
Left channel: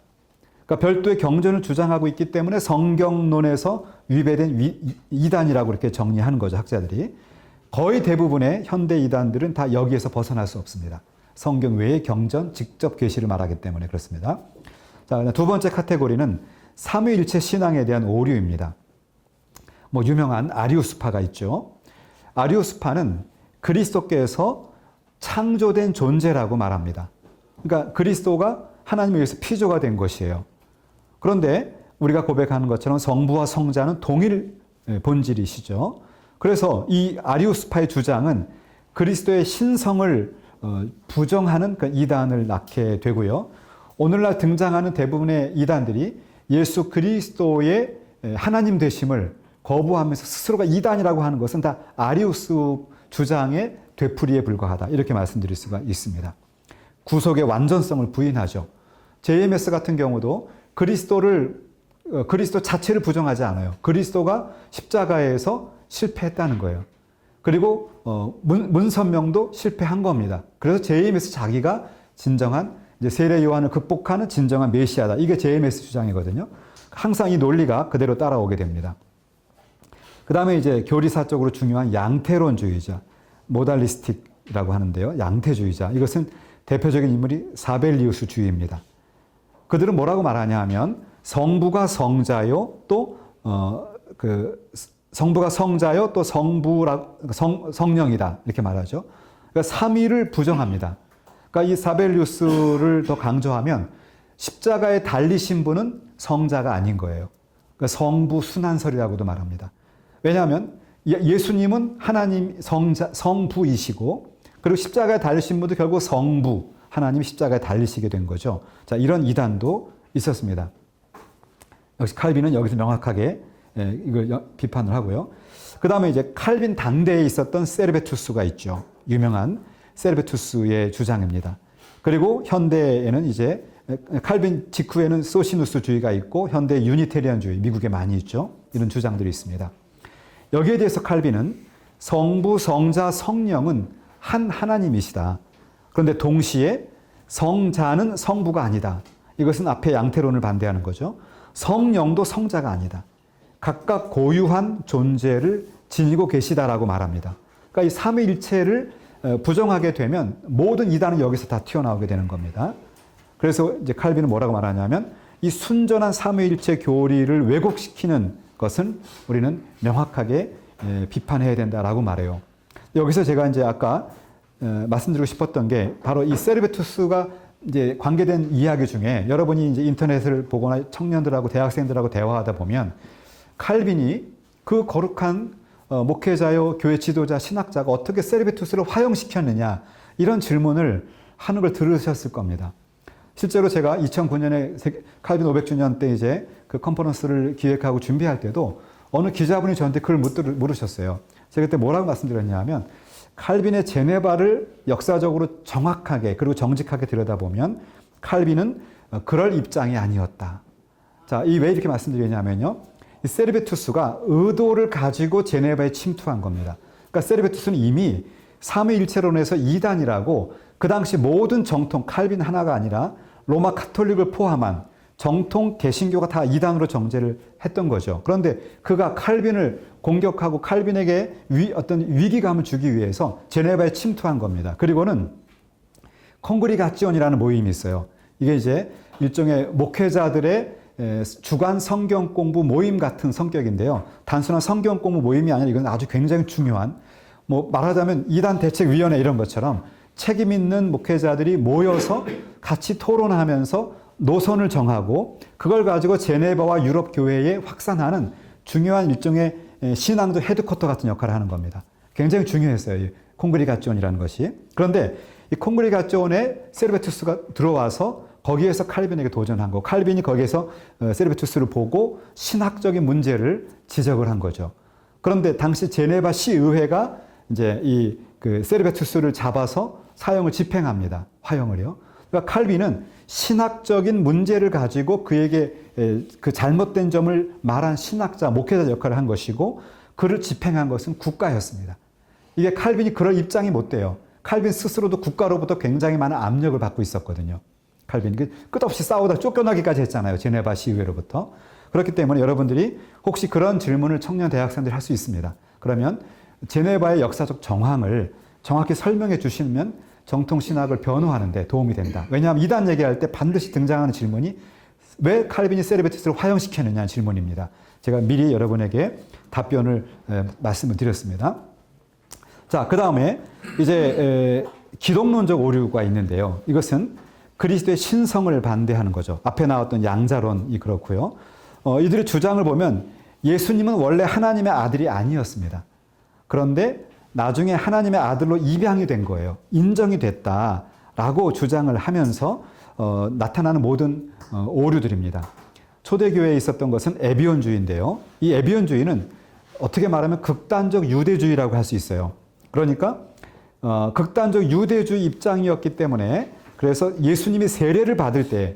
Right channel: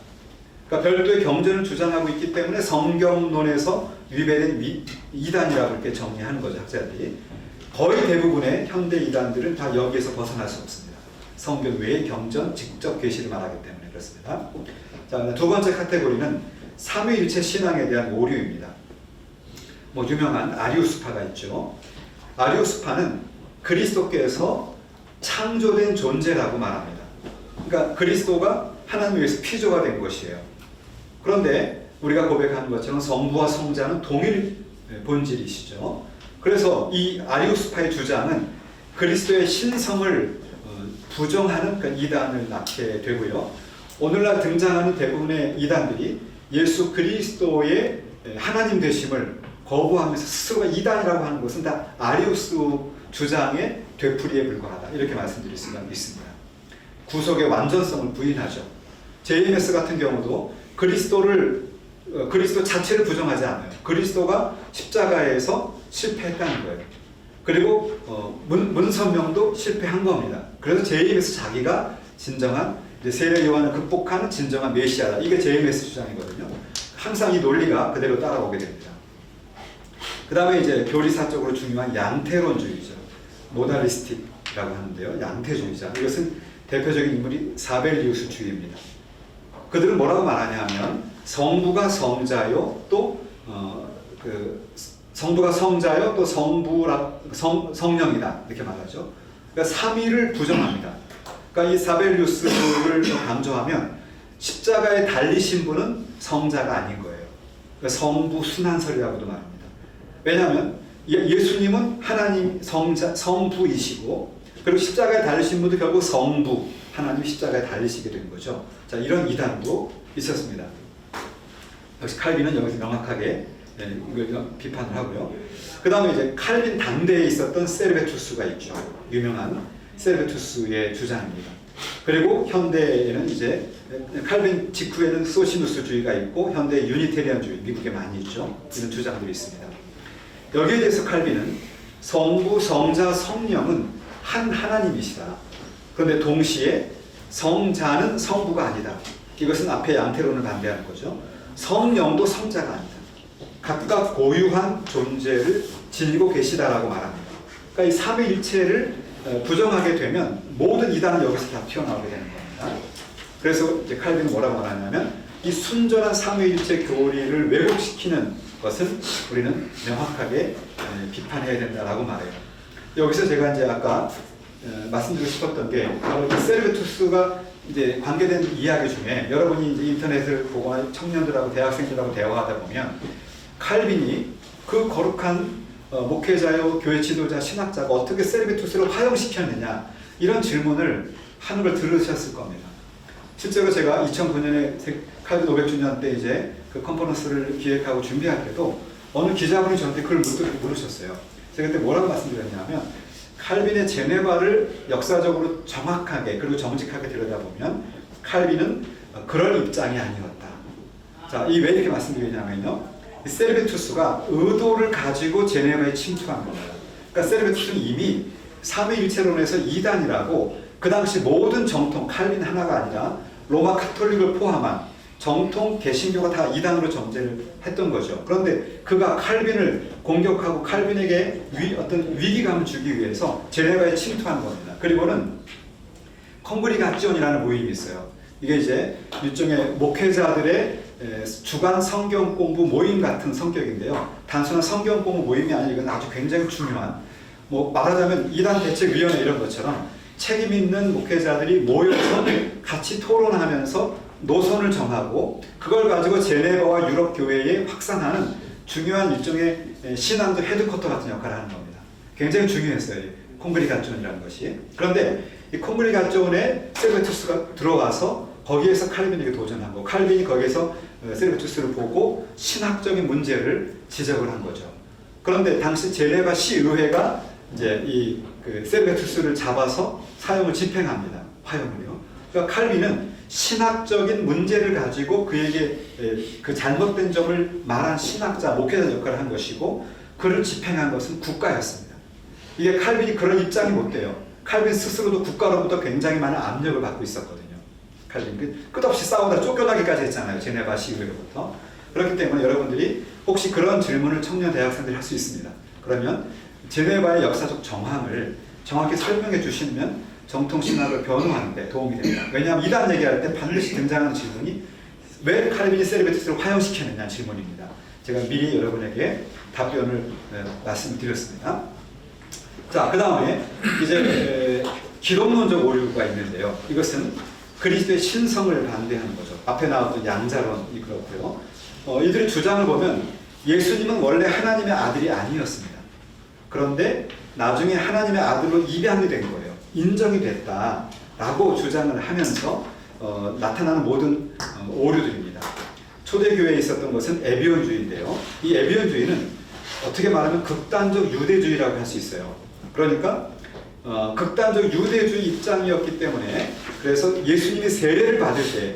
그러니까 별도의 경전을 주장하고 있기 때문에 성경론에서 위배된 이단이라고 이렇게 정리하는 거죠, 학자들이. 거의 대부분의 현대 이단들은 다 여기에서 벗어날 수 없습니다. 성경 외의 경전, 직접 계시를 말하기 때문에 그렇습니다. 자, 두 번째 카테고리는 삼위일체 신앙에 대한 오류입니다. 유명한 아리우스파가 있죠. 아리우스파는 그리스도께서 창조된 존재라고 말합니다. 그러니까 그리스도가 하나님에 의해서 피조가 된 것이에요. 그런데 우리가 고백하는 것처럼 성부와 성자는 동일 본질이시죠. 그래서 이 아리우스파의 주장은 그리스도의 신성을 부정하는 그 이단을 낳게 되고요. 오늘날 등장하는 대부분의 이단들이 예수 그리스도의 하나님 되심을 거부하면서 스스로가 이단이라고 하는 것은 다 아리우스 주장의 되풀이에 불과하다. 이렇게 말씀드릴 수가 있습니다. 구속의 완전성을 부인하죠. JMS 같은 경우도 그리스도 자체를 부정하지 않아요. 그리스도가 십자가에서 실패했다는 거예요. 그리고 문선명도 실패한 겁니다. 그래서 JMS 자기가 진정한 이제 세례 요한을 극복하는 진정한 메시아다. 이게 JMS 주장이거든요. 항상 이 논리가 그대로 따라오게 됩니다. 그 다음에 이제 교리사적으로 중요한 양태론주의죠. 모달리스틱이라고 하는데요. 양태주의자. 이것은 대표적인 인물이 사벨리우스주의입니다. 그들은 뭐라고 말하냐면 성부가 성자요 또 성부가 성자요 또 성령이다 이렇게 말하죠. 그러니까 삼위를 부정합니다. 그러니까 이 사벨리우스를 더 강조하면 십자가에 달리신 분은 성자가 아닌 거예요. 그러니까 성부 순환설이라고도 말합니다. 왜냐하면 예수님은 하나님 성부이시고 그리고 십자가에 달리신 분도 결국 성부 하나님 십자가에 달리시게 된 거죠. 자, 이런 이단도 있었습니다. 역시 칼빈은 여기서 명확하게 이걸 비판을 하고요. 그 다음에 이제 칼빈 당대에 있었던 세르베투스가 있죠. 유명한 세르베투스의 주장입니다. 그리고 현대에는 이제 칼빈 직후에는 소시누스주의가 있고 현대 유니테리안주의 미국에 많이 있죠. 이런 주장들이 있습니다. 여기에 대해서 칼빈은 성부, 성자, 성령은 한 하나님이시다. 그런데 동시에 성자는 성부가 아니다. 이것은 앞에 양태론을 반대하는 거죠. 성령도 성자가 아니다. 각각 고유한 존재를 지니고 계시다라고 말합니다. 그러니까 이 삼위일체를 부정하게 되면 모든 이단은 여기서 다 튀어나오게 되는 겁니다. 그래서 이제 칼빈은 뭐라고 말하냐면 이 순전한 삼위일체 교리를 왜곡시키는 것은 우리는 명확하게 비판해야 된다라고 말해요. 여기서 제가 이제 아까 말씀드리고 싶었던 게 바로 이 세르베투스가 이제 관계된 이야기 중에 여러분이 이제 인터넷을 보거나 청년들하고 대학생들하고 대화하다 보면 칼빈이 그 거룩한 목회자요 교회 지도자 신학자가 어떻게 세르베투스를 화형시켰느냐 이런 질문을 하는 걸 들으셨을 겁니다. 실제로 제가 2009년에 칼빈 500주년 때 이제 그 컨퍼런스를 기획하고 준비할 때도 어느 기자분이 저한테 그걸 물으셨어요. 제가 그때 뭐라고 말씀드렸냐면 칼빈의 제네바를 역사적으로 정확하게 그리고 정직하게 들여다보면 칼빈은 그럴 입장이 아니었다. 자, 이 왜 이렇게 말씀드리냐면요. 이 세르베투스가 의도를 가지고 제네바에 침투한 겁니다. 그러니까 세르베투스는 이미 삼위일체론에서 이단이라고 그 당시 모든 정통 칼빈 하나가 아니라 로마 카톨릭을 포함한 정통 개신교가 다 이단으로 정죄를 했던 거죠. 그런데 그가 칼빈을 공격하고 칼빈에게 어떤 위기감을 주기 위해서 제네바에 침투한 겁니다. 그리고는 콩그리가지온이라는 모임이 있어요. 이게 이제 일종의 목회자들의 주간 성경 공부 모임 같은 성격인데요. 단순한 성경 공부 모임이 아니라 이건 아주 굉장히 중요한 뭐 말하자면 이단 대책위원회 이런 것처럼 책임 있는 목회자들이 모여서 같이 토론하면서 노선을 정하고 그걸 가지고 제네바와 유럽 교회에 확산하는 중요한 일종의 신앙도 헤드쿼터 같은 역할을 하는 겁니다. 굉장히 중요했어요. 이 콩그리가지온이라는 것이. 그런데 이 콩그리가지온에 세르베투스가 들어와서 거기에서 칼빈에게 도전한 거. 칼빈이 거기에서 세르베투스를 보고 신학적인 문제를 지적을 한 거죠. 그런데 당시 제네바 시의회가 이제 이 그 세르베투스를 잡아서 사형을 집행합니다. 화형을요. 그러니까 칼빈은 신학적인 문제를 가지고 그에게 그 잘못된 점을 말한 신학자, 목회자 역할을 한 것이고 그를 집행한 것은 국가였습니다. 이게 칼빈이 그런 입장이 못 돼요. 칼빈 스스로도 국가로부터 굉장히 많은 압력을 받고 있었거든요. 칼빈 끝없이 싸우다 쫓겨나기까지 했잖아요. 제네바 시의회로부터. 그렇기 때문에 여러분들이 혹시 그런 질문을 청년 대학생들이 할 수 있습니다. 그러면 제네바의 역사적 정황을 정확히 설명해 주시면 정통 신학을 변호하는 데 도움이 됩니다. 왜냐하면 이단 얘기할 때 반드시 등장하는 질문이 왜 칼빈이 세르베투스를 화형시켰느냐 질문입니다. 제가 미리 여러분에게 답변을 말씀을 드렸습니다. 자, 그 다음에 이제 기독론적 오류가 있는데요. 이것은 그리스도의 신성을 반대하는 거죠. 앞에 나왔던 양자론이 그렇고요. 이들의 주장을 보면 예수님은 원래 하나님의 아들이 아니었습니다. 그런데 나중에 하나님의 아들로 입양이 된 거예요. 인정이 됐다라고 주장을 하면서 나타나는 모든 오류들입니다. 초대교회에 있었던 것은 에비온주의인데요. 이 에비온주의는 어떻게 말하면 극단적 유대주의라고 할 수 있어요. 그러니까 극단적 유대주의 입장이었기 때문에 그래서 예수님이 세례를 받을 때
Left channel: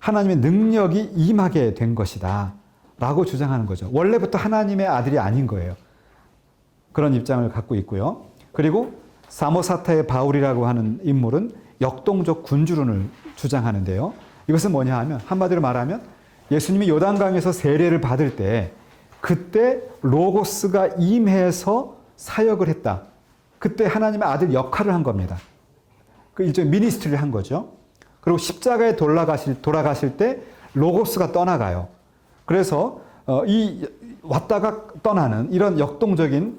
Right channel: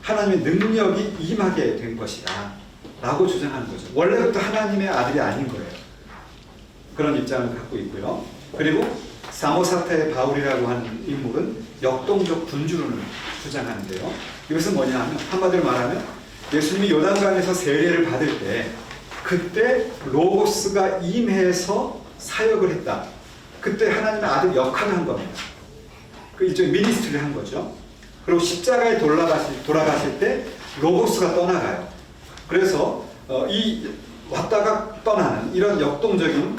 하나님의 능력이 임하게 된 것이다 라고 주장하는 거죠. 원래부터 하나님의 아들이 아닌 거예요. 그런 입장을 갖고 있고요. 그리고 사모사테 바울이라고 하는 인물은 역동적 군주론을 주장하는데요. 이것은 뭐냐 하면 한마디로 말하면 예수님이 요단강에서 세례를 받을 때 그때 로고스가 임해서 사역을 했다. 그때 하나님의 아들 역할을 한 겁니다. 그 일종의 미니스트리를 한 거죠. 그리고 십자가에 돌아가실 때 로고스가 떠나가요. 그래서 왔다가 떠나는 이런 역동적인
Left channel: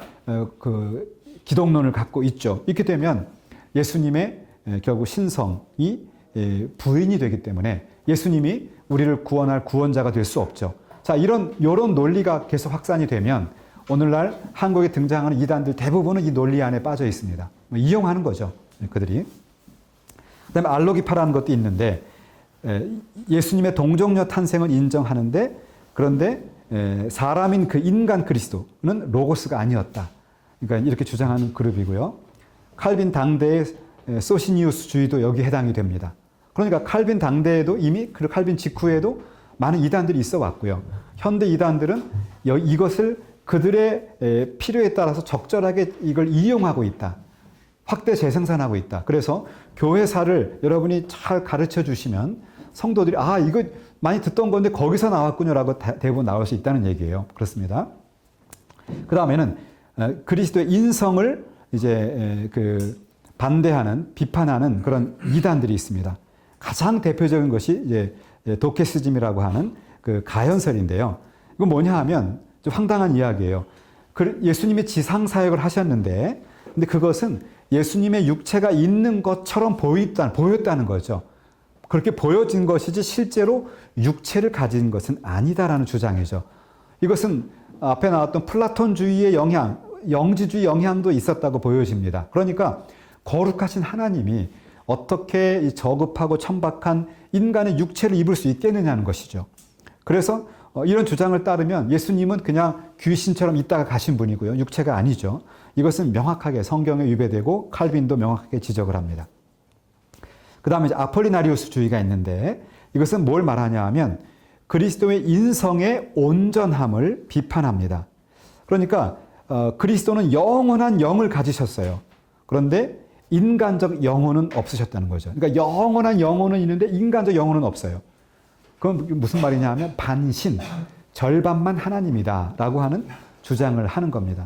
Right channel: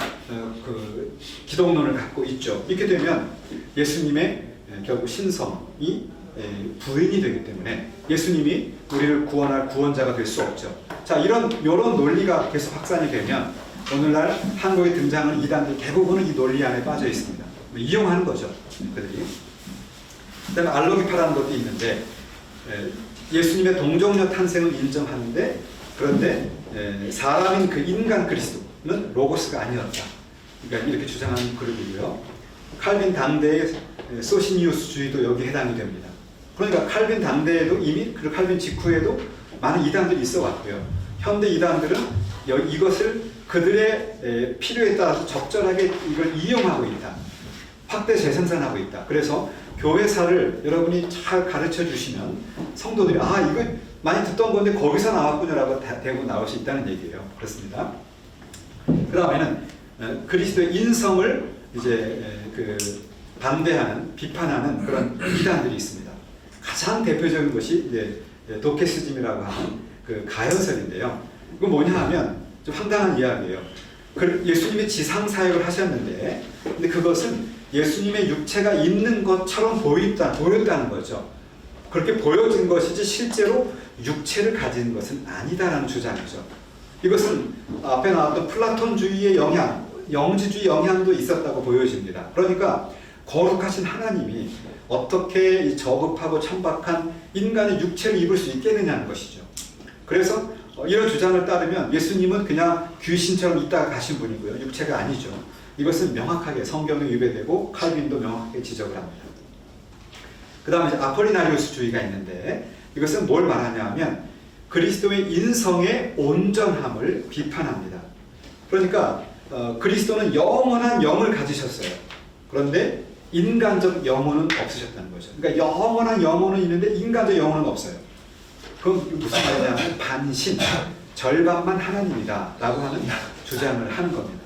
그 기독론을 갖고 있죠. 이렇게 되면 예수님의 결국 신성이 부인이 되기 때문에 예수님이 우리를 구원할 구원자가 될 수 없죠. 자, 이런 논리가 계속 확산이 되면 오늘날 한국에 등장하는 이단들 대부분은 이 논리 안에 빠져 있습니다. 이용하는 거죠, 그들이. 그다음에 알로기파라는 것도 있는데 예수님의 동정녀 탄생을 인정하는데 그런데 사람인 그 인간 그리스도는 로고스가 아니었다. 그러니까 이렇게 주장하는 그룹이고요. 칼빈 당대의 소시니우스주의도 여기에 해당이 됩니다. 그러니까 칼빈 당대에도 이미 그리고 칼빈 직후에도 많은 이단들이 있어 왔고요. 현대 이단들은 이것을 그들의 필요에 따라서 적절하게 이걸 이용하고 있다. 확대 재생산하고 있다. 그래서 교회사를 여러분이 잘 가르쳐 주시면 성도들이 이거 많이 듣던 건데 거기서 나왔군요라고 대부분 나올 수 있다는 얘기예요. 그렇습니다. 그 다음에는 그리스도의 인성을 이제 반대하는, 비판하는 그런 이단들이 있습니다. 가장 대표적인 것이 이제 도케스즘이라고 하는 그 가연설인데요. 이건 뭐냐 하면 좀 황당한 이야기예요. 예수님이 지상 사역을 하셨는데, 근데 그것은 예수님의 육체가 있는 것처럼 보였다는 거죠. 그렇게 보여준 것이지 실제로 육체를 가진 것은 아니다라는 주장이죠. 이것은 앞에 나왔던 플라톤주의의 영향, 영지주의 영향도 있었다고 보여집니다. 그러니까 거룩하신 하나님이 어떻게 이 저급하고 천박한 인간의 육체를 입을 수 있겠느냐는 것이죠. 그래서 이런 주장을 따르면 예수님은 그냥 귀신처럼 있다가 가신 분이고요. 육체가 아니죠. 이것은 명확하게 성경에 위배되고 칼빈도 명확하게 지적을 합니다. 그 다음에 아폴리나리우스주의가 있는데 이것은 뭘 말하냐 하면 그리스도의 인성의 온전함을 비판합니다. 그러니까 그리스도는 영원한 영을 가지셨어요. 그런데 인간적 영혼은 없으셨다는 거죠. 그러니까 영원한 영혼은 있는데 인간적 영혼은 없어요. 그건 무슨 말이냐면 반신, 절반만 하나님이다 라고 하는 주장을 하는 겁니다.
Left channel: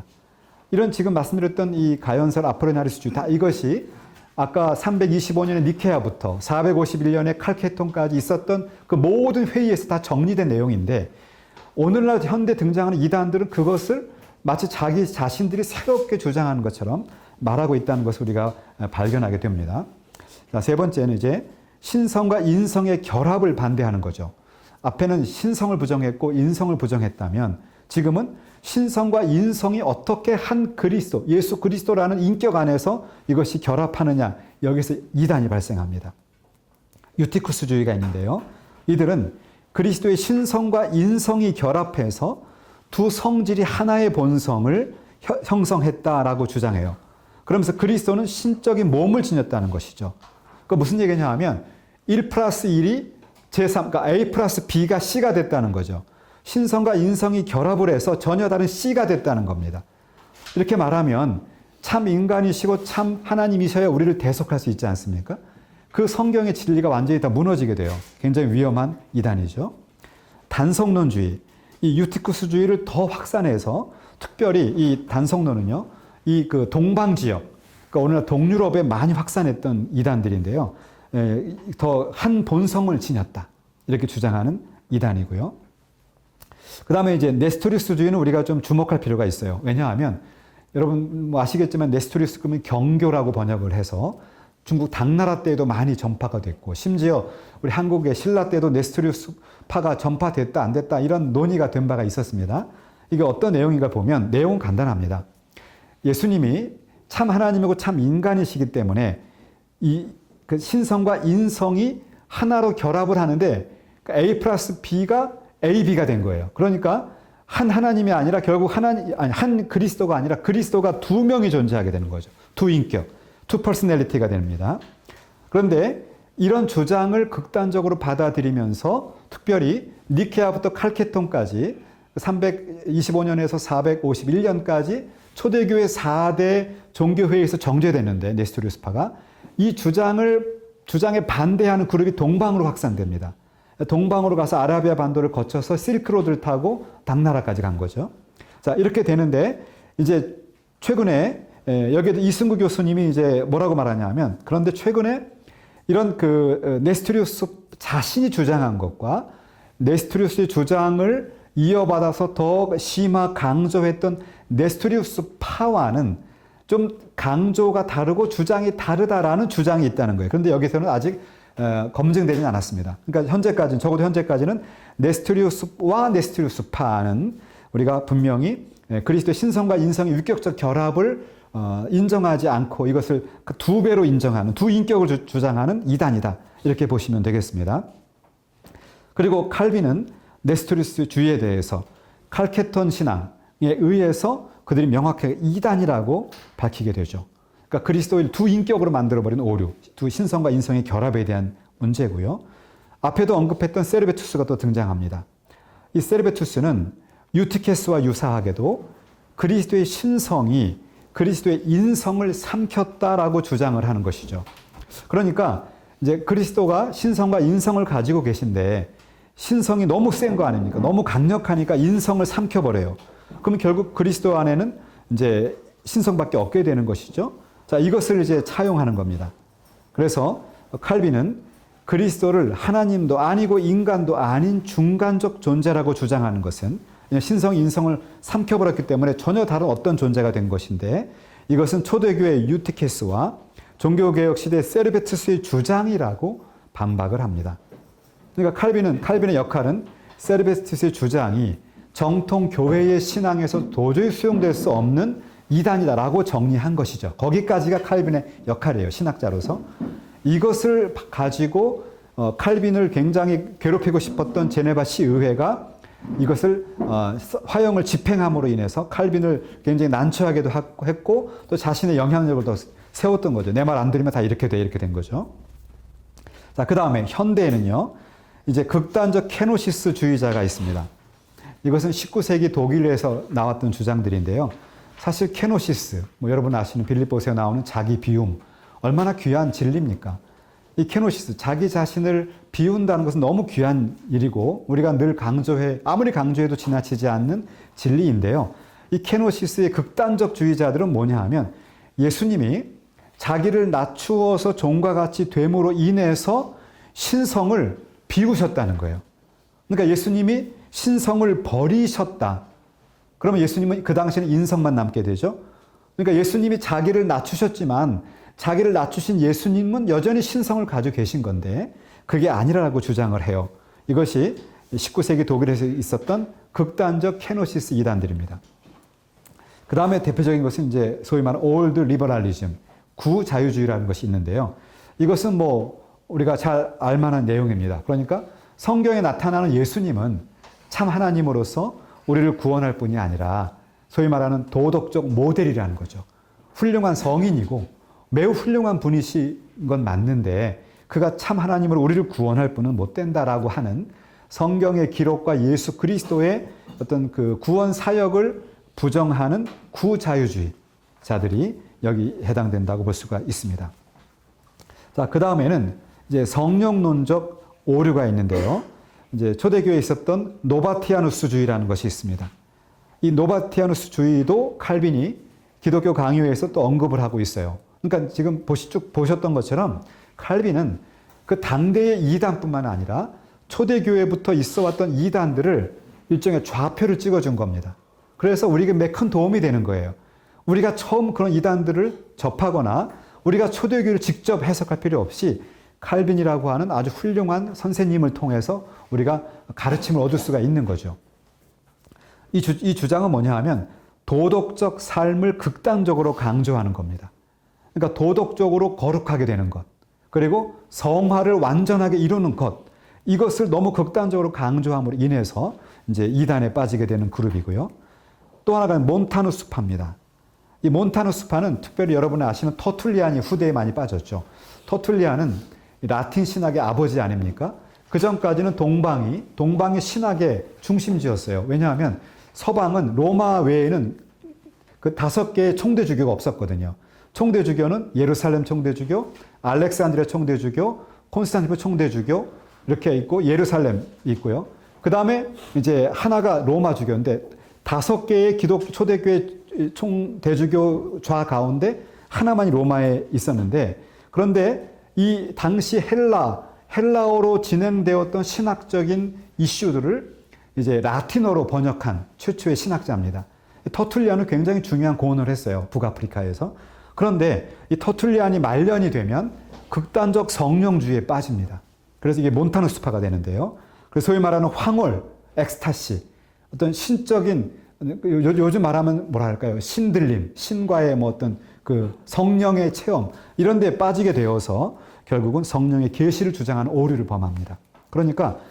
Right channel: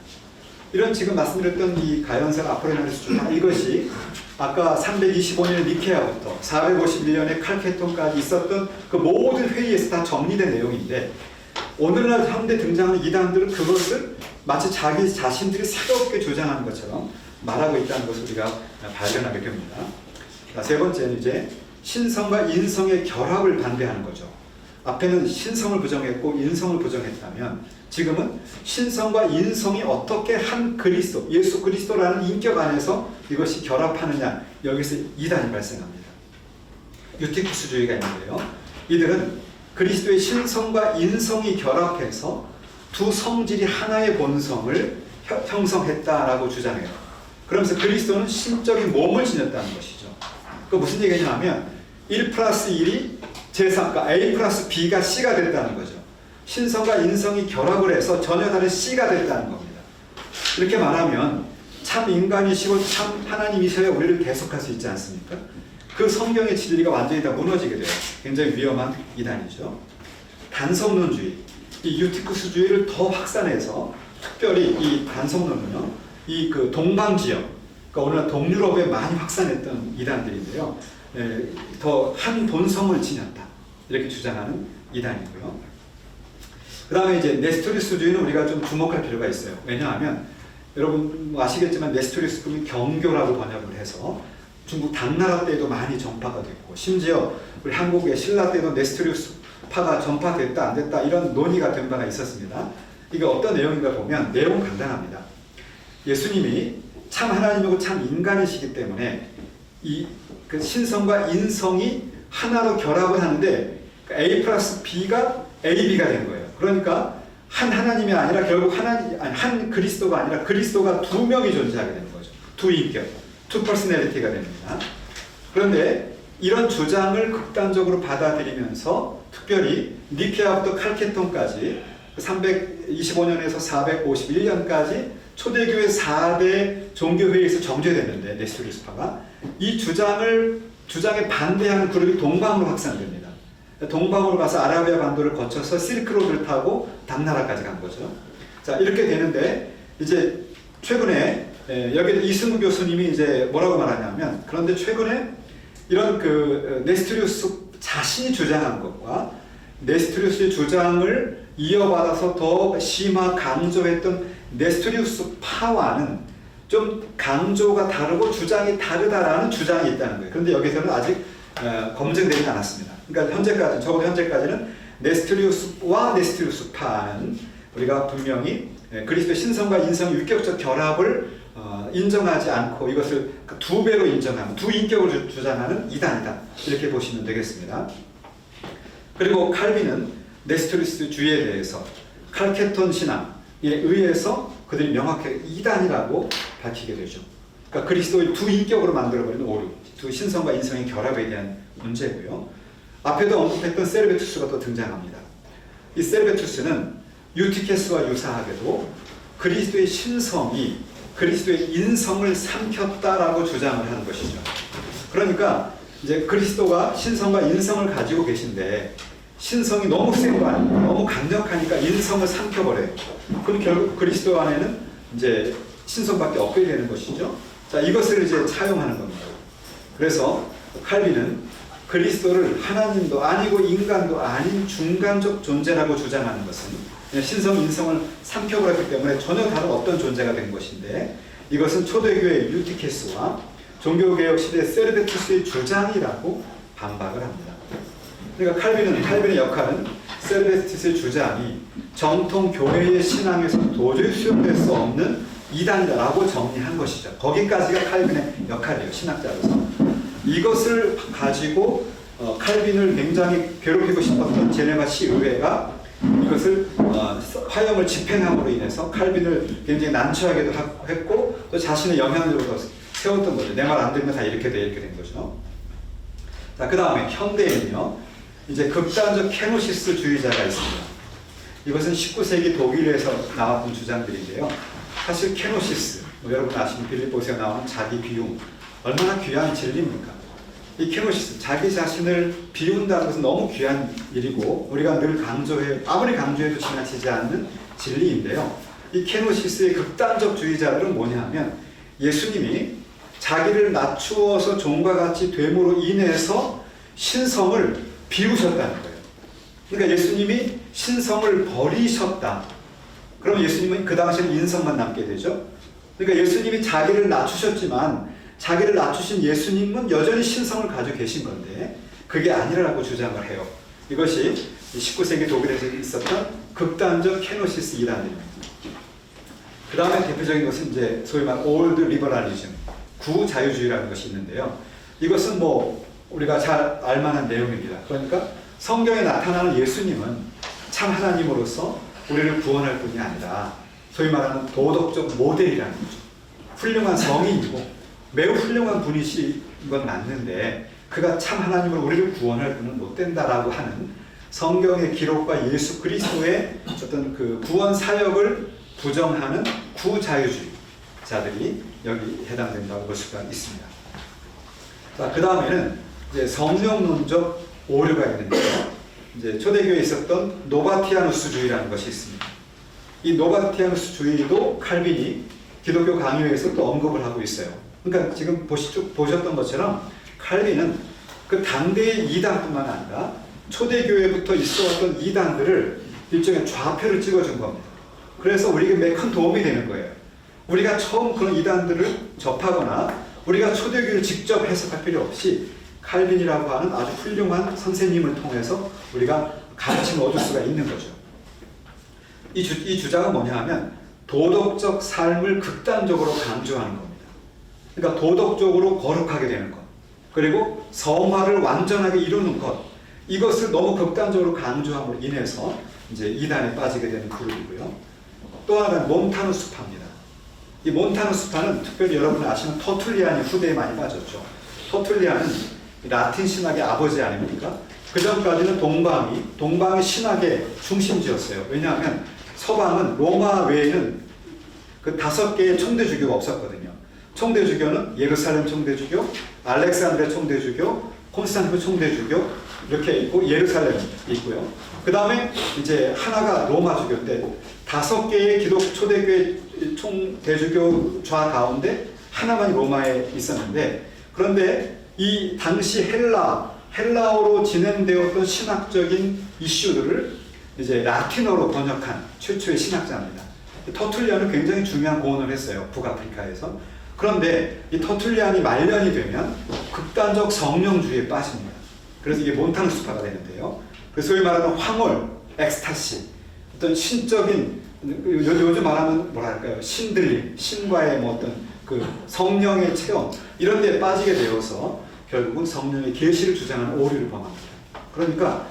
이런 지금 말씀드렸던 이 가연설 아폴리나리우스주의 이것이 아까 325년 니케아부터 451년에 칼케톤까지 있었던 그 모든 회의에서 다 정리된 내용인데 오늘날 현대 등장하는 이단들은 그것을 마치 자기 자신들이 새롭게 주장하는 것처럼 말하고 있다는 것을 우리가 발견하게 됩니다. 세 번째는 이제 신성과 인성의 결합을 반대하는 거죠. 앞에는 신성을 부정했고 인성을 부정했다면 지금은 신성과 인성이 어떻게 한 그리스도, 예수 그리스도라는 인격 안에서 이것이 결합하느냐, 여기서 이단이 발생합니다. 유티쿠스주의가 있는데요. 이들은 그리스도의 신성과 인성이 결합해서 두 성질이 하나의 본성을 형성했다라고 주장해요. 그러면서 그리스도는 신적인 몸을 지녔다는 것이죠. 그 무슨 얘기냐 하면 1 플러스 1이 제3, 그러니까 A 플러스 B가 C가 됐다는 거죠. 신성과 인성이 결합을 해서 전혀 다른 C가 됐다는 겁니다. 이렇게 말하면 참 인간이시고 참 하나님이셔야 우리를 계속할 수 있지 않습니까? 그 성경의 진리가 완전히 다 무너지게 돼요. 굉장히 위험한 이단이죠. 단성론주의, 이 유티쿠스주의를 더 확산해서 특별히 이 단성론은요, 이 그 동방 지역, 그러니까 오늘날 동유럽에 많이 확산했던 이단들인데요. 더 한 본성을 지녔다. 이렇게 주장하는 이단이고요. 그 다음에 이제 네스토리스주의는 우리가 좀 주목할 필요가 있어요. 왜냐하면 여러분 뭐 아시겠지만 네스토리스금이 경교라고 번역을 해서 중국 당나라 때에도 많이 전파가 됐고 심지어 우리 한국의 신라 때도 네스토리스파가 전파됐다 안 됐다 이런 논의가 된 바가 있었습니다. 이게 어떤 내용인가 보면 내용은 간단합니다. 예수님이 참 하나님이고 참 인간이시기 때문에 이 그 신성과 인성이 하나로 결합을 하는데 A 플러스 B가 AB가 된 거예요. 그러니까 한 하나님이 아니라 결국 한 그리스도가 아니라 그리스도가 두 명이 존재하게 되는 거죠. 두 인격, 투 퍼스널리티가 됩니다. 그런데 이런 주장을 극단적으로 받아들이면서 특별히 니케아부터 칼케톤까지 325년에서 451년까지 초대교회 4대 종교회의에서 정죄됐는데 네스토리스파가 이 주장에 반대하는 그룹이 동방으로 확산됩니다. 동방으로 가서 아라비아 반도를 거쳐서 실크로드를 타고 당나라까지 간 거죠. 자, 이렇게 되는데 이제 최근에 여기에도 이승구 교수님이 이제 뭐라고 말하냐면 그런데 최근에 이런 그 네스토리우스 자신이 주장한 것과 네스토리우스의 주장을 이어받아서 더 심화 강조했던 네스토리우스 파와는 좀 강조가 다르고 주장이 다르다라는 주장이 있다는 거예요. 그런데 여기서는 아직 검증되지 않았습니다. 그러니까 현재까지는, 적어도 현재까지는 네스토리우스와 네스토리우스파는 우리가 분명히 그리스도의 신성과 인성의 유격적 결합을 인정하지 않고 이것을 두 배로 인정하는, 두 인격을 주장하는 이단이다. 이렇게 보시면 되겠습니다. 그리고 칼빈은 네스토리우스주의에 대해서 칼케톤 신앙에 의해서 그들이 명확하게 이단이라고 밝히게 되죠. 그러니까 그리스도를 두 인격으로 만들어버리는 오류, 두 신성과 인성의 결합에 대한 문제고요. 앞에도 언급했던 세르베투스가 또 등장합니다. 이 세르베투스는 유티케스와 유사하게도 그리스도의 신성이 그리스도의 인성을 삼켰다라고 주장을 하는 것이죠. 그러니까 이제 그리스도가 신성과 인성을 가지고 계신데 신성이 너무 센 거 아닙니까? 너무 강력하니까 인성을 삼켜버려요. 그럼 결국 그리스도 안에는 이제 신성밖에 없게 되는 것이죠. 자, 이것을 이제 차용하는 겁니다. 그래서 칼빈은 그리스도를 하나님도 아니고 인간도 아닌 중간적 존재라고 주장하는 것은 신성, 인성을 삼켜버렸기 때문에 전혀 다른 어떤 존재가 된 것인데, 이것은 초대교회 유티케스와 종교개혁 시대 세르베투스의 주장이라고 반박을 합니다. 그러니까 칼빈의 역할은 세르베투스의 주장이 정통 교회의 신앙에서 도저히 수용될 수 없는 이단이다라고 정리한 것이죠. 거기까지가 칼빈의 역할이에요, 신학자로서. 이것을 가지고 칼빈을 굉장히 괴롭히고 싶었던 제네바 시의회가 이것을 화형을 집행함으로 인해서 칼빈을 굉장히 난처하게도 했고 또 자신의 영향력으로 세웠던 거죠. 내 말 안 들으면 다 이렇게 된 거죠. 자, 그 다음에 현대에는요, 이제 극단적 케노시스주의자가 있습니다. 이것은 19세기 독일에서 나왔던 주장들인데요. 사실 케노시스, 여러분 아시는 빌립보서에 나오는 자기 비움, 얼마나 귀한 진리입니까? 이 케노시스, 자기 자신을 비운다는 것은 너무 귀한 일이고 우리가 늘 아무리 강조해도 지나치지 않는 진리인데요. 이 케노시스의 극단적 주의자들은 뭐냐 하면 예수님이 자기를 낮추어서 종과 같이 됨으로 인해서 신성을 비우셨다는 거예요. 그러니까 예수님이 신성을 버리셨다. 그럼 예수님은 그 당시에 인성만 남게 되죠. 그러니까 예수님이 자기를 낮추셨지만 자기를 낮추신 예수님은 여전히 신성을 가지고 계신 건데 그게 아니라고 주장을 해요. 이것이 19세기 독일에서 있었던 극단적 케노시스 이단들입니다. 그 다음에 대표적인 것은 이제 소위 말하는 올드 리버럴리즘, 구자유주의라는 것이 있는데요. 이것은 우리가 잘 알만한 내용입니다. 그러니까 성경에 나타나는 예수님은 참 하나님으로서 우리를 구원할 뿐이 아니라 소위 말하는 도덕적 모델이라는 거죠. 훌륭한 성인이고 매우 훌륭한 분이신 건 맞는데 그가 참 하나님으로 우리를 구원할 분은 못 된다라고 하는 성경의 기록과 예수 그리스도의 어떤 그 구원 사역을 부정하는 구자유주의자들이 여기 해당된다고 볼 수가 있습니다. 자, 그 다음에는 이제 성령론적 오류가 있는데요. 이제 초대교회에 있었던 노바티아누스주의라는 것이 있습니다. 이 노바티아누스주의도 칼빈이 기독교 강요에서 또 언급을 하고 있어요. 그러니까 지금 보셨던 것처럼 칼빈은 그 당대의 이단뿐만 아니라 초대교회부터 있어왔던 이단들을 일종의 좌표를 찍어준 겁니다. 그래서 우리에게 매우 큰 도움이 되는 거예요. 우리가 처음 그런 이단들을 접하거나 우리가 초대교회를 직접 해석할 필요 없이 칼빈이라고 하는 아주 훌륭한 선생님을 통해서 우리가 가르침을 얻을 수가 있는 거죠. 이 주장은 뭐냐 하면 도덕적 삶을 극단적으로 강조하는 겁니다. 그러니까 도덕적으로 거룩하게 되는 것, 그리고 성화를 완전하게 이루는 것, 이것을 너무 극단적으로 강조함으로 인해서 이제 이단에 빠지게 되는 그룹이고요. 또 하나는 몬타누스파입니다. 이 몬타누스파는 특별히 여러분이 아시는 터툴리안의 후대에 많이 빠졌죠. 터툴리안은 라틴 신학의 아버지 아닙니까? 그 전까지는 동방의 신학의 중심지였어요. 왜냐하면 서방은 로마 외에는 그 5개의 총대주교가 없었거든요. 총대주교는 예루살렘 총대주교, 알렉산드리아 총대주교, 콘스탄티노 총대주교 이렇게 있고 예루살렘이 있고요. 그 다음에 이제 하나가 로마주교인데 5개의 초대교회 총대주교 좌 가운데 하나만이 로마에 있었는데, 그런데 이 당시 헬라어로 진행되었던 신학적인 이슈들을 이제 라틴어로 번역한 최초의 신학자입니다. 터툴리안은 굉장히 중요한 공헌을 했어요. 북아프리카에서. 그런데 이 터툴리안이 말년이 되면 극단적 성령주의에 빠집니다. 그래서 이게 몬타누스파가 되는데요. 그래서 소위 말하는 황홀, 엑스타시, 어떤 신적인, 요즘 말하면 뭐랄까요, 신들림, 신과의 어떤 그 성령의 체험, 이런 데에 빠지게 되어서 결국은 성령의 계시를 주장하는 오류를 범합니다. 그러니까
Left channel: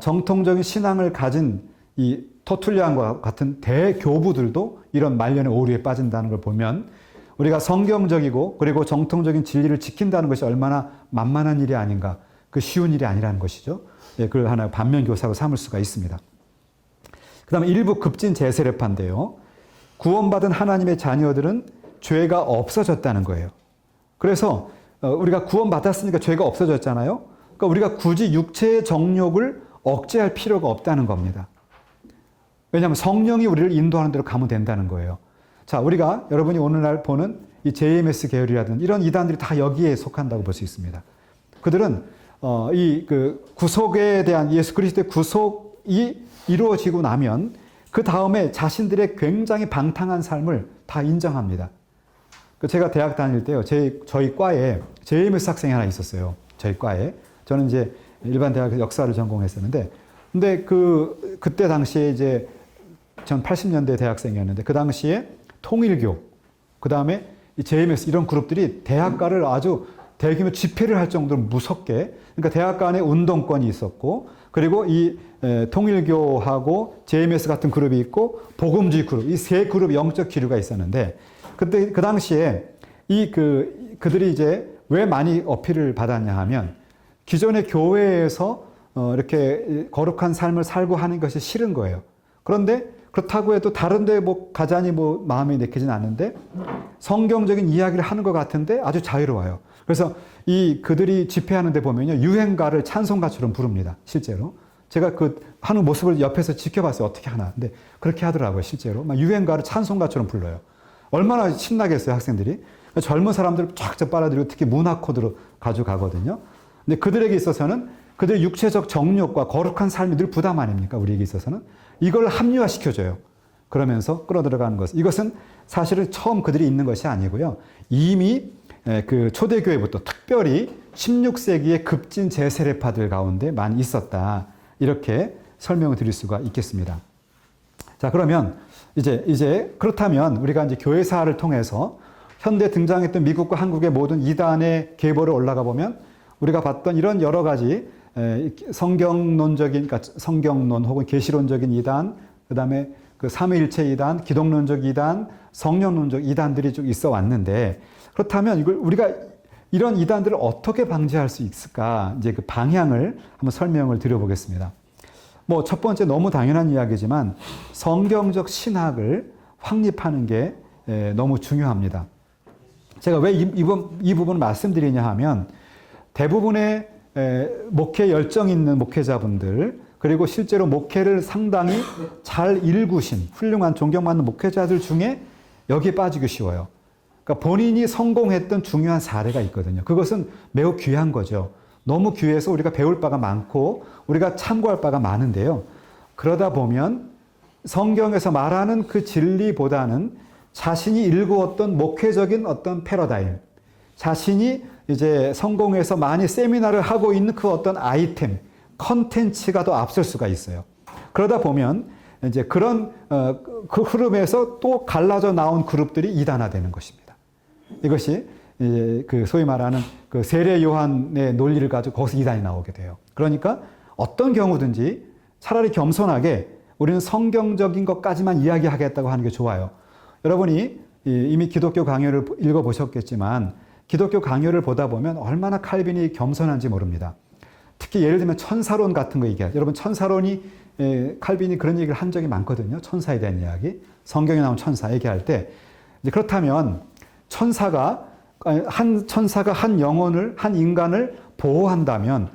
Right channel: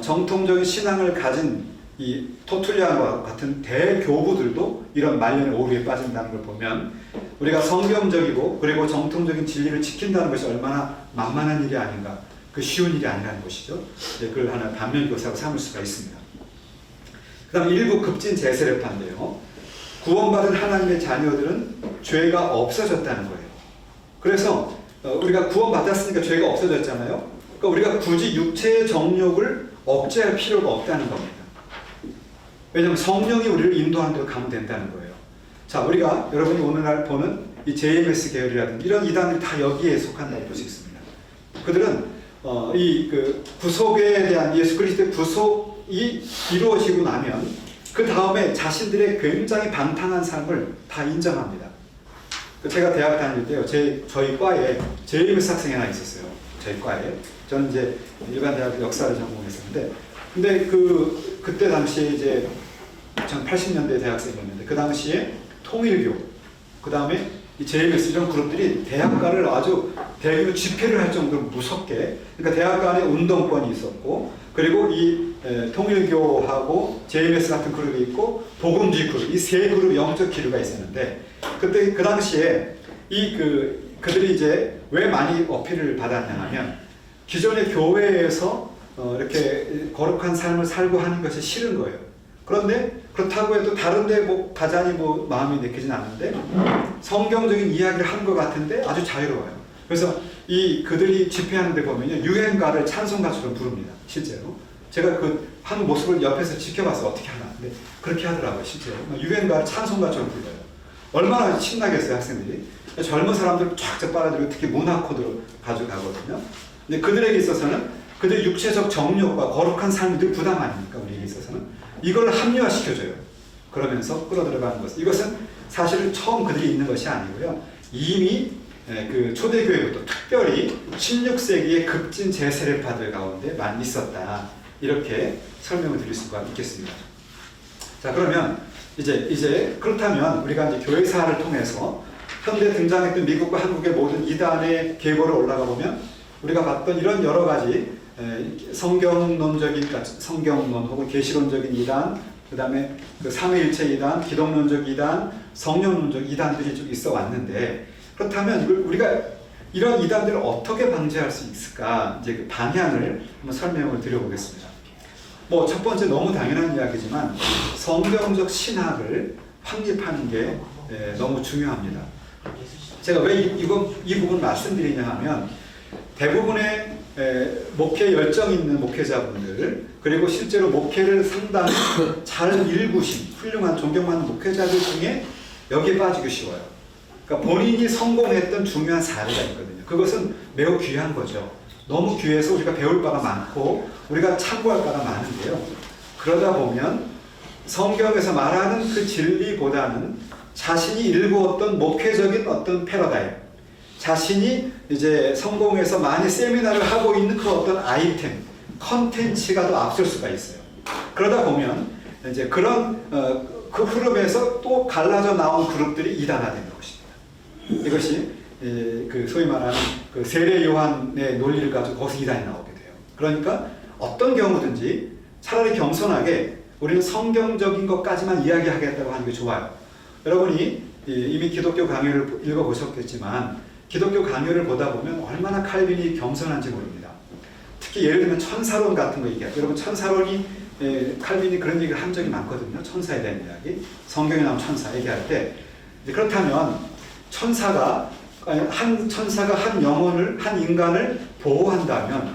정통적인 신앙을 가진 이 터툴리안과 같은 대교부들도 이런 말년의 오류에 빠진다는 걸 보면 우리가 성경적이고 그리고 정통적인 진리를 지킨다는 것이 얼마나 만만한 일이 아닌가, 그 쉬운 일이 아니라는 것이죠. 그걸 하나의 반면교사로 삼을 수가 있습니다. 그 다음에 일부 급진 제세례파인데요. 구원받은 하나님의 자녀들은 죄가 없어졌다는 거예요. 그래서 우리가 구원받았으니까 죄가 없어졌잖아요. 그러니까 우리가 굳이 육체의 정욕을 억제할 필요가 없다는 겁니다. 왜냐하면 성령이 우리를 인도하는 대로 가면 된다는 거예요. 자, 우리가 여러분이 오늘날 보는 이 JMS 계열이라든지 이런 이단들이 다 여기에 속한다고 볼 수 있습니다. 그들은 이 구속에 대한 예수 그리스도의 구속이 이루어지고 나면 그 다음에 자신들의 굉장히 방탕한 삶을 다 인정합니다. 제가 대학 다닐 때요, 저희 과에 JMS 학생이 하나 있었어요. 저희 과에. 저는 이제 일반 대학 역사를 전공했었는데, 근데 그때 당시에 이제 전 80년대 대학생이었는데, 그 당시에 통일교, 그 다음에 이 JMS 이런 그룹들이 대학가를 아주 대규모 집회를 할 정도로 무섭게, 그러니까 대학가 안에 운동권이 있었고, 그리고 이 통일교하고 JMS 같은 그룹이 있고, 복음주의 그룹, 이 세 그룹의 영적 기류가 있었는데, 그때 그 당시에 그들이 이제 왜 많이 어필을 받았냐 하면, 기존의 교회에서 이렇게 거룩한 삶을 살고 하는 것이 싫은 거예요. 그런데 그렇다고 해도 다른데 뭐 가자니 뭐 마음이 내키진 않는데 성경적인 이야기를 하는 것 같은데 아주 자유로워요. 그래서 그들이 집회하는 데 보면요, 유행가를 찬송가처럼 부릅니다. 실제로. 제가 하는 모습을 옆에서 지켜봤어요. 어떻게 하나. 근데 그렇게 하더라고요. 실제로. 막 유행가를 찬송가처럼 불러요. 얼마나 신나겠어요, 학생들이. 젊은 사람들 쫙 빨아들이고 특히 문화 코드로 가져가거든요. 근데 그들에게 있어서는 그들의 육체적 정욕과 거룩한 삶이 늘 부담 아닙니까? 우리에게 있어서는. 이걸 합리화시켜줘요. 그러면서 끌어들어가는 것. 이것은 사실은 처음 그들이 있는 것이 아니고요. 이미 초대교회부터 특별히 16세기의 급진 제세례파들 가운데 많이 있었다. 이렇게 설명을 드릴 수가 있겠습니다. 자, 그러면 이제 그렇다면 우리가 이제 교회사를 통해서 현대 등장했던 미국과 한국의 모든 이단의 계보를 올라가 보면 우리가 봤던 이런 여러 가지 성경론적인, 그러니까 성경론 혹은 계시론적인 이단, 그 다음에 삼위일체 이단, 기독론적 이단, 성령론적 이단들이 좀 있어 왔는데, 그렇다면 우리가 이런 이단들을 어떻게 방지할 수 있을까? 이제 그 방향을 한번 설명을 드려보겠습니다. 뭐 첫 번째 너무 당연한 이야기지만 성경적 신학을 확립하는 게 너무 중요합니다. 제가 왜 이 부분을 말씀드리냐 하면 대부분의 목회 열정 있는 목회자분들, 그리고 실제로 목회를 상당히 잘 일구신 훌륭한 존경받는 목회자들 중에 여기에 빠지기 쉬워요. 그러니까 본인이 성공했던 중요한 사례가 있거든요. 그것은 매우 귀한 거죠. 너무 귀해서 우리가 배울 바가 많고 우리가 참고할 바가 많은데요. 그러다 보면 성경에서 말하는 그 진리보다는 자신이 일구었던 목회적인 어떤 패러다임, 자신이 이제 성공해서 많이 세미나를 하고 있는 그 어떤 아이템, 컨텐츠가 더 앞설 수가 있어요. 그러다 보면 이제 그런 그 흐름에서 또 갈라져 나온 그룹들이 이단화되는 것입니다. 이것이 소위 말하는 그 세례 요한의 논리를 가지고 거기서 이단이 나오게 돼요. 그러니까 어떤 경우든지 차라리 겸손하게 우리는 성경적인 것까지만 이야기하겠다고 하는 게 좋아요. 여러분이 이미 기독교 강의를 읽어보셨겠지만 기독교 강의를 보다 보면 얼마나 칼빈이 겸손한지 모릅니다. 특히 예를 들면 천사론 같은 거 얘기해요. 여러분 천사론이 칼빈이 그런 얘기를 한 적이 많거든요. 천사에 대한 이야기. 성경에 나온 천사 얘기할 때. 그렇다면 천사가 한 영혼을, 한 인간을 보호한다면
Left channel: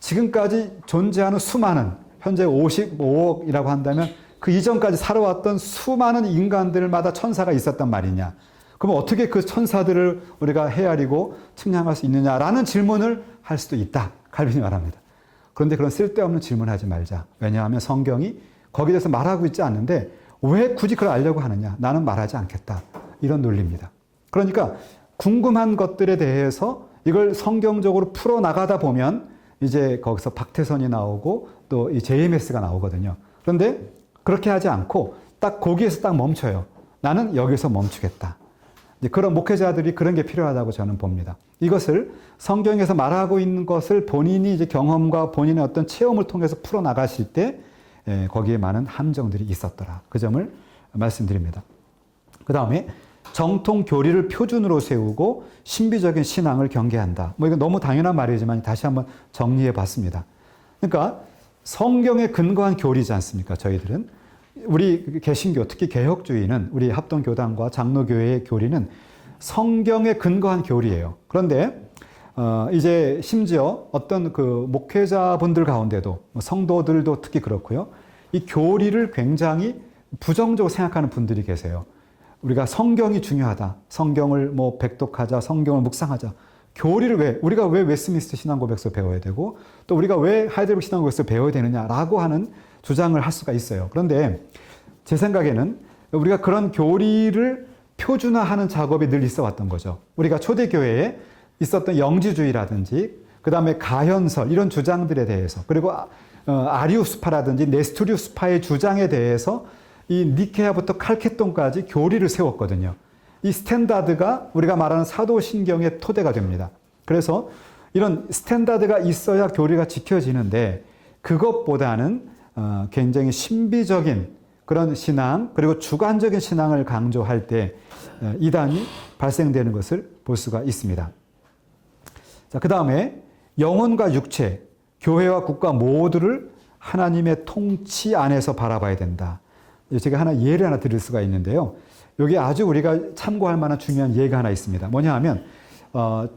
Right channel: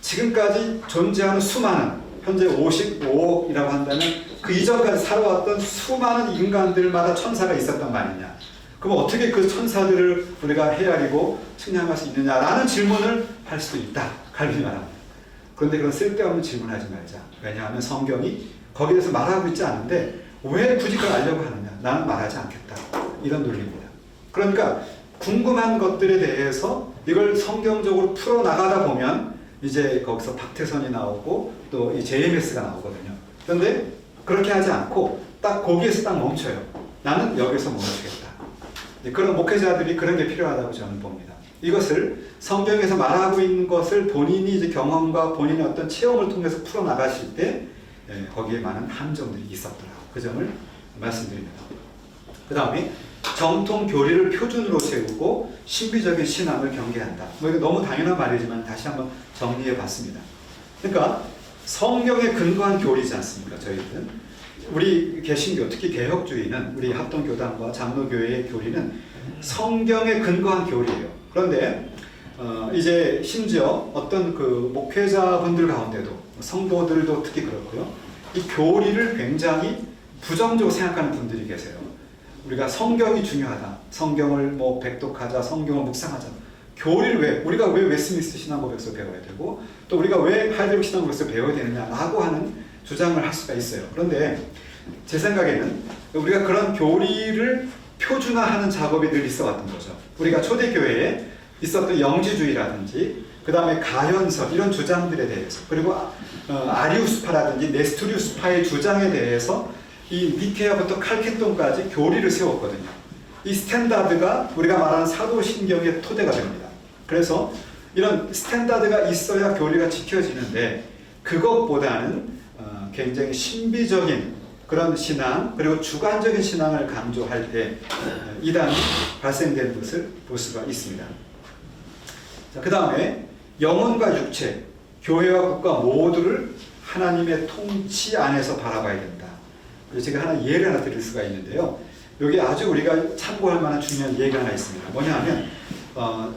지금까지 존재하는 수많은, 현재 55억이라고 한다면 그 이전까지 살아왔던 수많은 인간들마다 천사가 있었단 말이냐. 그럼 어떻게 그 천사들을 우리가 헤아리고 측량할 수 있느냐라는 질문을 할 수도 있다. 칼빈이 말합니다. 그런데 그런 쓸데없는 질문하지 말자. 왜냐하면 성경이 거기에 대해서 말하고 있지 않는데 왜 굳이 그걸 알려고 하느냐. 나는 말하지 않겠다. 이런 논리입니다. 그러니까 궁금한 것들에 대해서 이걸 성경적으로 풀어나가다 보면 이제 거기서 박태선이 나오고 또 이 JMS가 나오거든요. 그런데 그렇게 하지 않고 딱 거기에서 딱 멈춰요. 나는 여기서 멈추겠다. 그런 목회자들이 그런 게 필요하다고 저는 봅니다. 이것을 성경에서 말하고 있는 것을 본인이 이제 경험과 본인의 어떤 체험을 통해서 풀어나가실 때 거기에 많은 함정들이 있었더라. 그 점을 말씀드립니다. 그 다음에 정통 교리를 표준으로 세우고 신비적인 신앙을 경계한다. 뭐 이거 너무 당연한 말이지만 다시 한번 정리해 봤습니다. 그러니까 성경에 근거한 교리지 않습니까? 저희들은 우리 개신교, 특히 개혁주의는 우리 합동교단과 장로교회의 교리는 성경에 근거한 교리예요. 그런데 이제 심지어 어떤 그 목회자분들 가운데도 성도들도 특히 그렇고요. 이 교리를 굉장히 부정적으로 생각하는 분들이 계세요. 우리가 성경이 중요하다. 성경을 뭐 백독하자, 성경을 묵상하자. 교리를 우리가 왜 웨스트민스터 신앙고백서 배워야 되고, 또 우리가 왜 하이델베르크 신앙고백서 배워야 되느냐라고 하는 주장을 할 수가 있어요. 그런데 제 생각에는 우리가 그런 교리를 표준화하는 작업이 늘 있어 왔던 거죠. 우리가 초대교회에 있었던 영지주의라든지, 그 다음에 가현설, 이런 주장들에 대해서, 그리고 아리우스파라든지 네스토리우스파의 주장에 대해서 이 니케아부터 칼케돈까지 교리를 세웠거든요. 이 스탠다드가 우리가 말하는 사도신경의 토대가 됩니다. 그래서 이런 스탠다드가 있어야 교리가 지켜지는데, 그것보다는 굉장히 신비적인 그런 신앙, 그리고 주관적인 신앙을 강조할 때 이단이 발생되는 것을 볼 수가 있습니다. 자, 그 다음에 영혼과 육체, 교회와 국가 모두를 하나님의 통치 안에서 바라봐야 된다. 제가 예를 하나 드릴 수가 있는데요. 여기 아주 우리가 참고할 만한 중요한 예가 하나 있습니다. 뭐냐 하면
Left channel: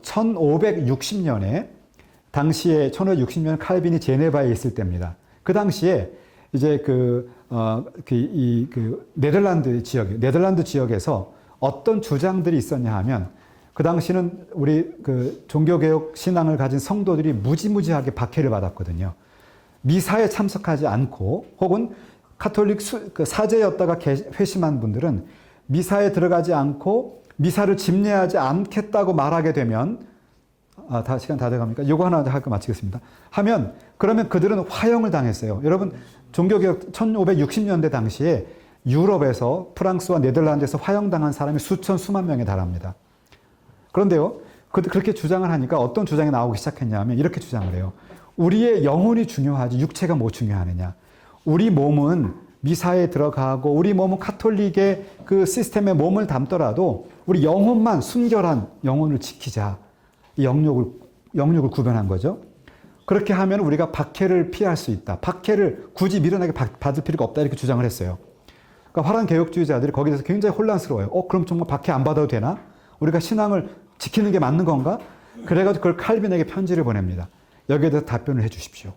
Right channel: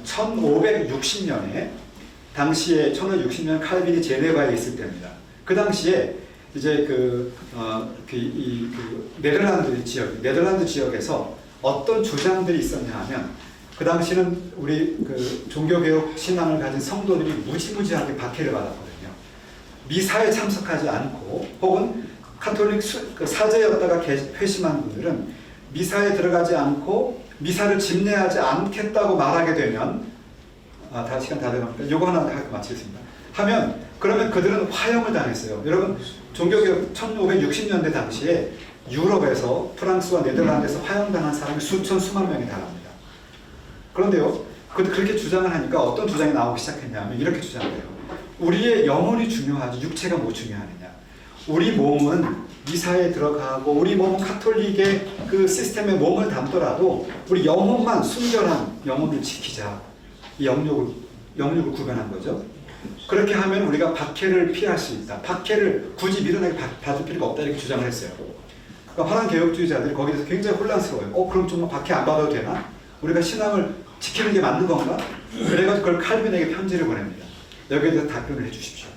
1560년에 당시에 1560년 칼빈이 제네바에 있을 때입니다. 그 당시에 이제 네덜란드 지역에서 어떤 주장들이 있었냐 하면, 그 당시는 우리 그 종교개혁 신앙을 가진 성도들이 무지무지하게 박해를 받았거든요. 미사에 참석하지 않고, 혹은 카톨릭 사제였다가 회심한 분들은 미사에 들어가지 않고 미사를 집례하지 않겠다고 말하게 되면, 시간 다 돼갑니까? 요거 하나 할거 마치겠습니다. 그러면 그들은 화형을 당했어요. 여러분, 종교개혁 1560년대 당시에 유럽에서, 프랑스와 네덜란드에서 화형당한 사람이 수만 명에 달합니다. 그런데요, 그렇게 주장을 하니까 어떤 주장이 나오기 시작했냐면 이렇게 주장을 해요. 우리의 영혼이 중요하지 육체가 뭐 중요하느냐. 우리 몸은 미사에 들어가고, 우리 몸은 카톨릭의 그 시스템에 몸을 담더라도 우리 영혼만, 순결한 영혼을 지키자. 이 영육을 구별한 거죠. 그렇게 하면 우리가 박해를 피할 수 있다. 박해를 굳이 미련하게 받을 필요가 없다. 이렇게 주장을 했어요. 그러니까 화랑 개혁주의자들이 거기에 대해서 굉장히 혼란스러워요. 그럼 정말 박해 안 받아도 되나? 우리가 신앙을 지키는 게 맞는 건가? 그래가지고 그걸 칼빈에게 편지를 보냅니다. 여기에 대해서 답변을 해 주십시오.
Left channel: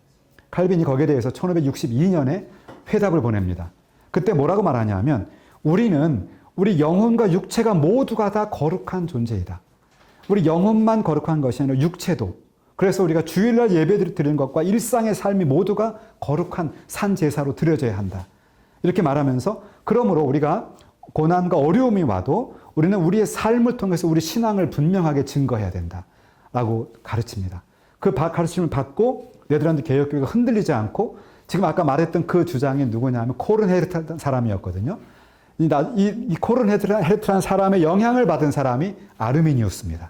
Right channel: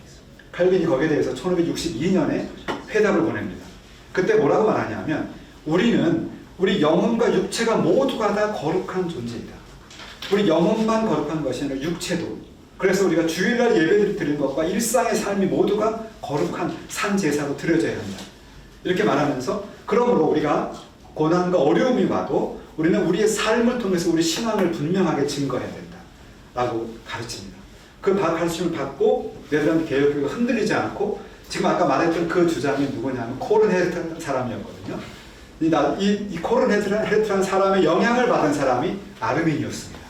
칼빈이 거기에 대해서 1562년에 회답을 보냅니다. 그때 뭐라고 말하냐면, 우리 영혼과 육체가 모두가 다 거룩한 존재이다. 우리 영혼만 거룩한 것이 아니라 육체도. 그래서 우리가 주일날 예배를 드리는 것과 일상의 삶이 모두가 거룩한 산 제사로 드려져야 한다. 이렇게 말하면서, 그러므로 우리가 고난과 어려움이 와도 우리는 우리의 삶을 통해서 우리 신앙을 분명하게 증거해야 된다. 라고 가르칩니다. 그 가르침을 받고 네덜란드 개혁교회가 흔들리지 않고, 지금 아까 말했던 그 주장이 누구냐면 코른헤르트라는 사람이었거든요. 이 코른헤르트라는 사람의 영향을 받은 사람이 아르미니우스입니다.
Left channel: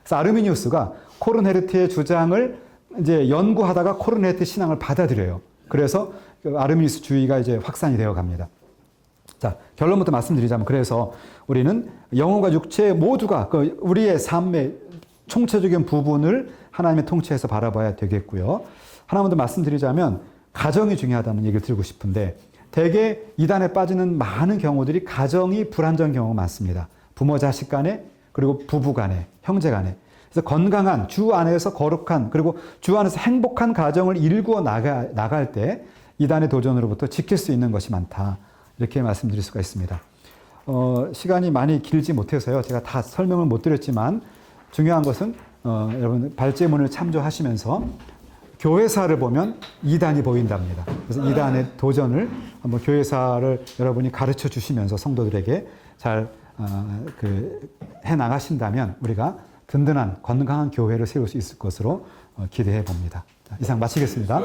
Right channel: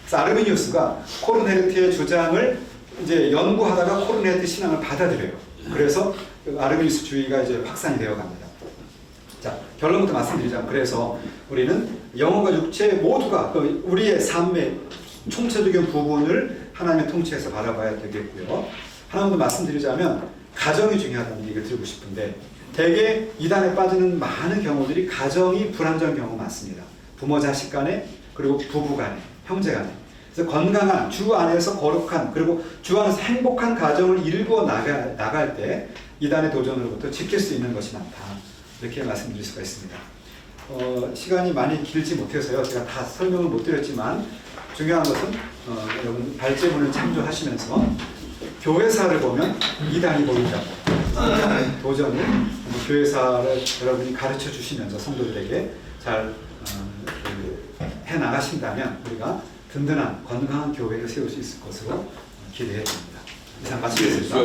그래서 아르미니우스가 코른헤르트의 주장을 이제 연구하다가 코른헤르트 신앙을 받아들여요. 그래서 아르미니우스 주의가 이제 확산이 되어 갑니다. 자, 결론부터 말씀드리자면, 그래서 우리는 영혼과 육체 모두가 우리의 삶의 총체적인 부분을 하나님의 통치에서 바라봐야 되겠고요. 하나만 더 말씀드리자면, 가정이 중요하다는 얘기를 드리고 싶은데, 대개 이단에 빠지는 많은 경우들이 가정이 불안정한 경우가 많습니다. 부모 자식 간에, 그리고 부부 간에, 형제 간에. 그래서 건강한, 주 안에서 거룩한, 그리고 주 안에서 행복한 가정을 일구어 나갈 때 이단의 도전으로부터 지킬 수 있는 것이 많다. 이렇게 말씀드릴 수가 있습니다. 시간이 많이 길지 못해서요. 제가 다 설명을 못 드렸지만, 중요한 것은 여러분 발제문을 참조하시면서 교회사를 보면 이단이 보인답니다. 그래서 이단의 도전을 한번 교회사를 여러분이 가르쳐 주시면서 성도들에게 잘 해나가신다면 우리가 든든한 건강한 교회를 세울 수 있을 것으로 기대해 봅니다. 이상 마치겠습니다.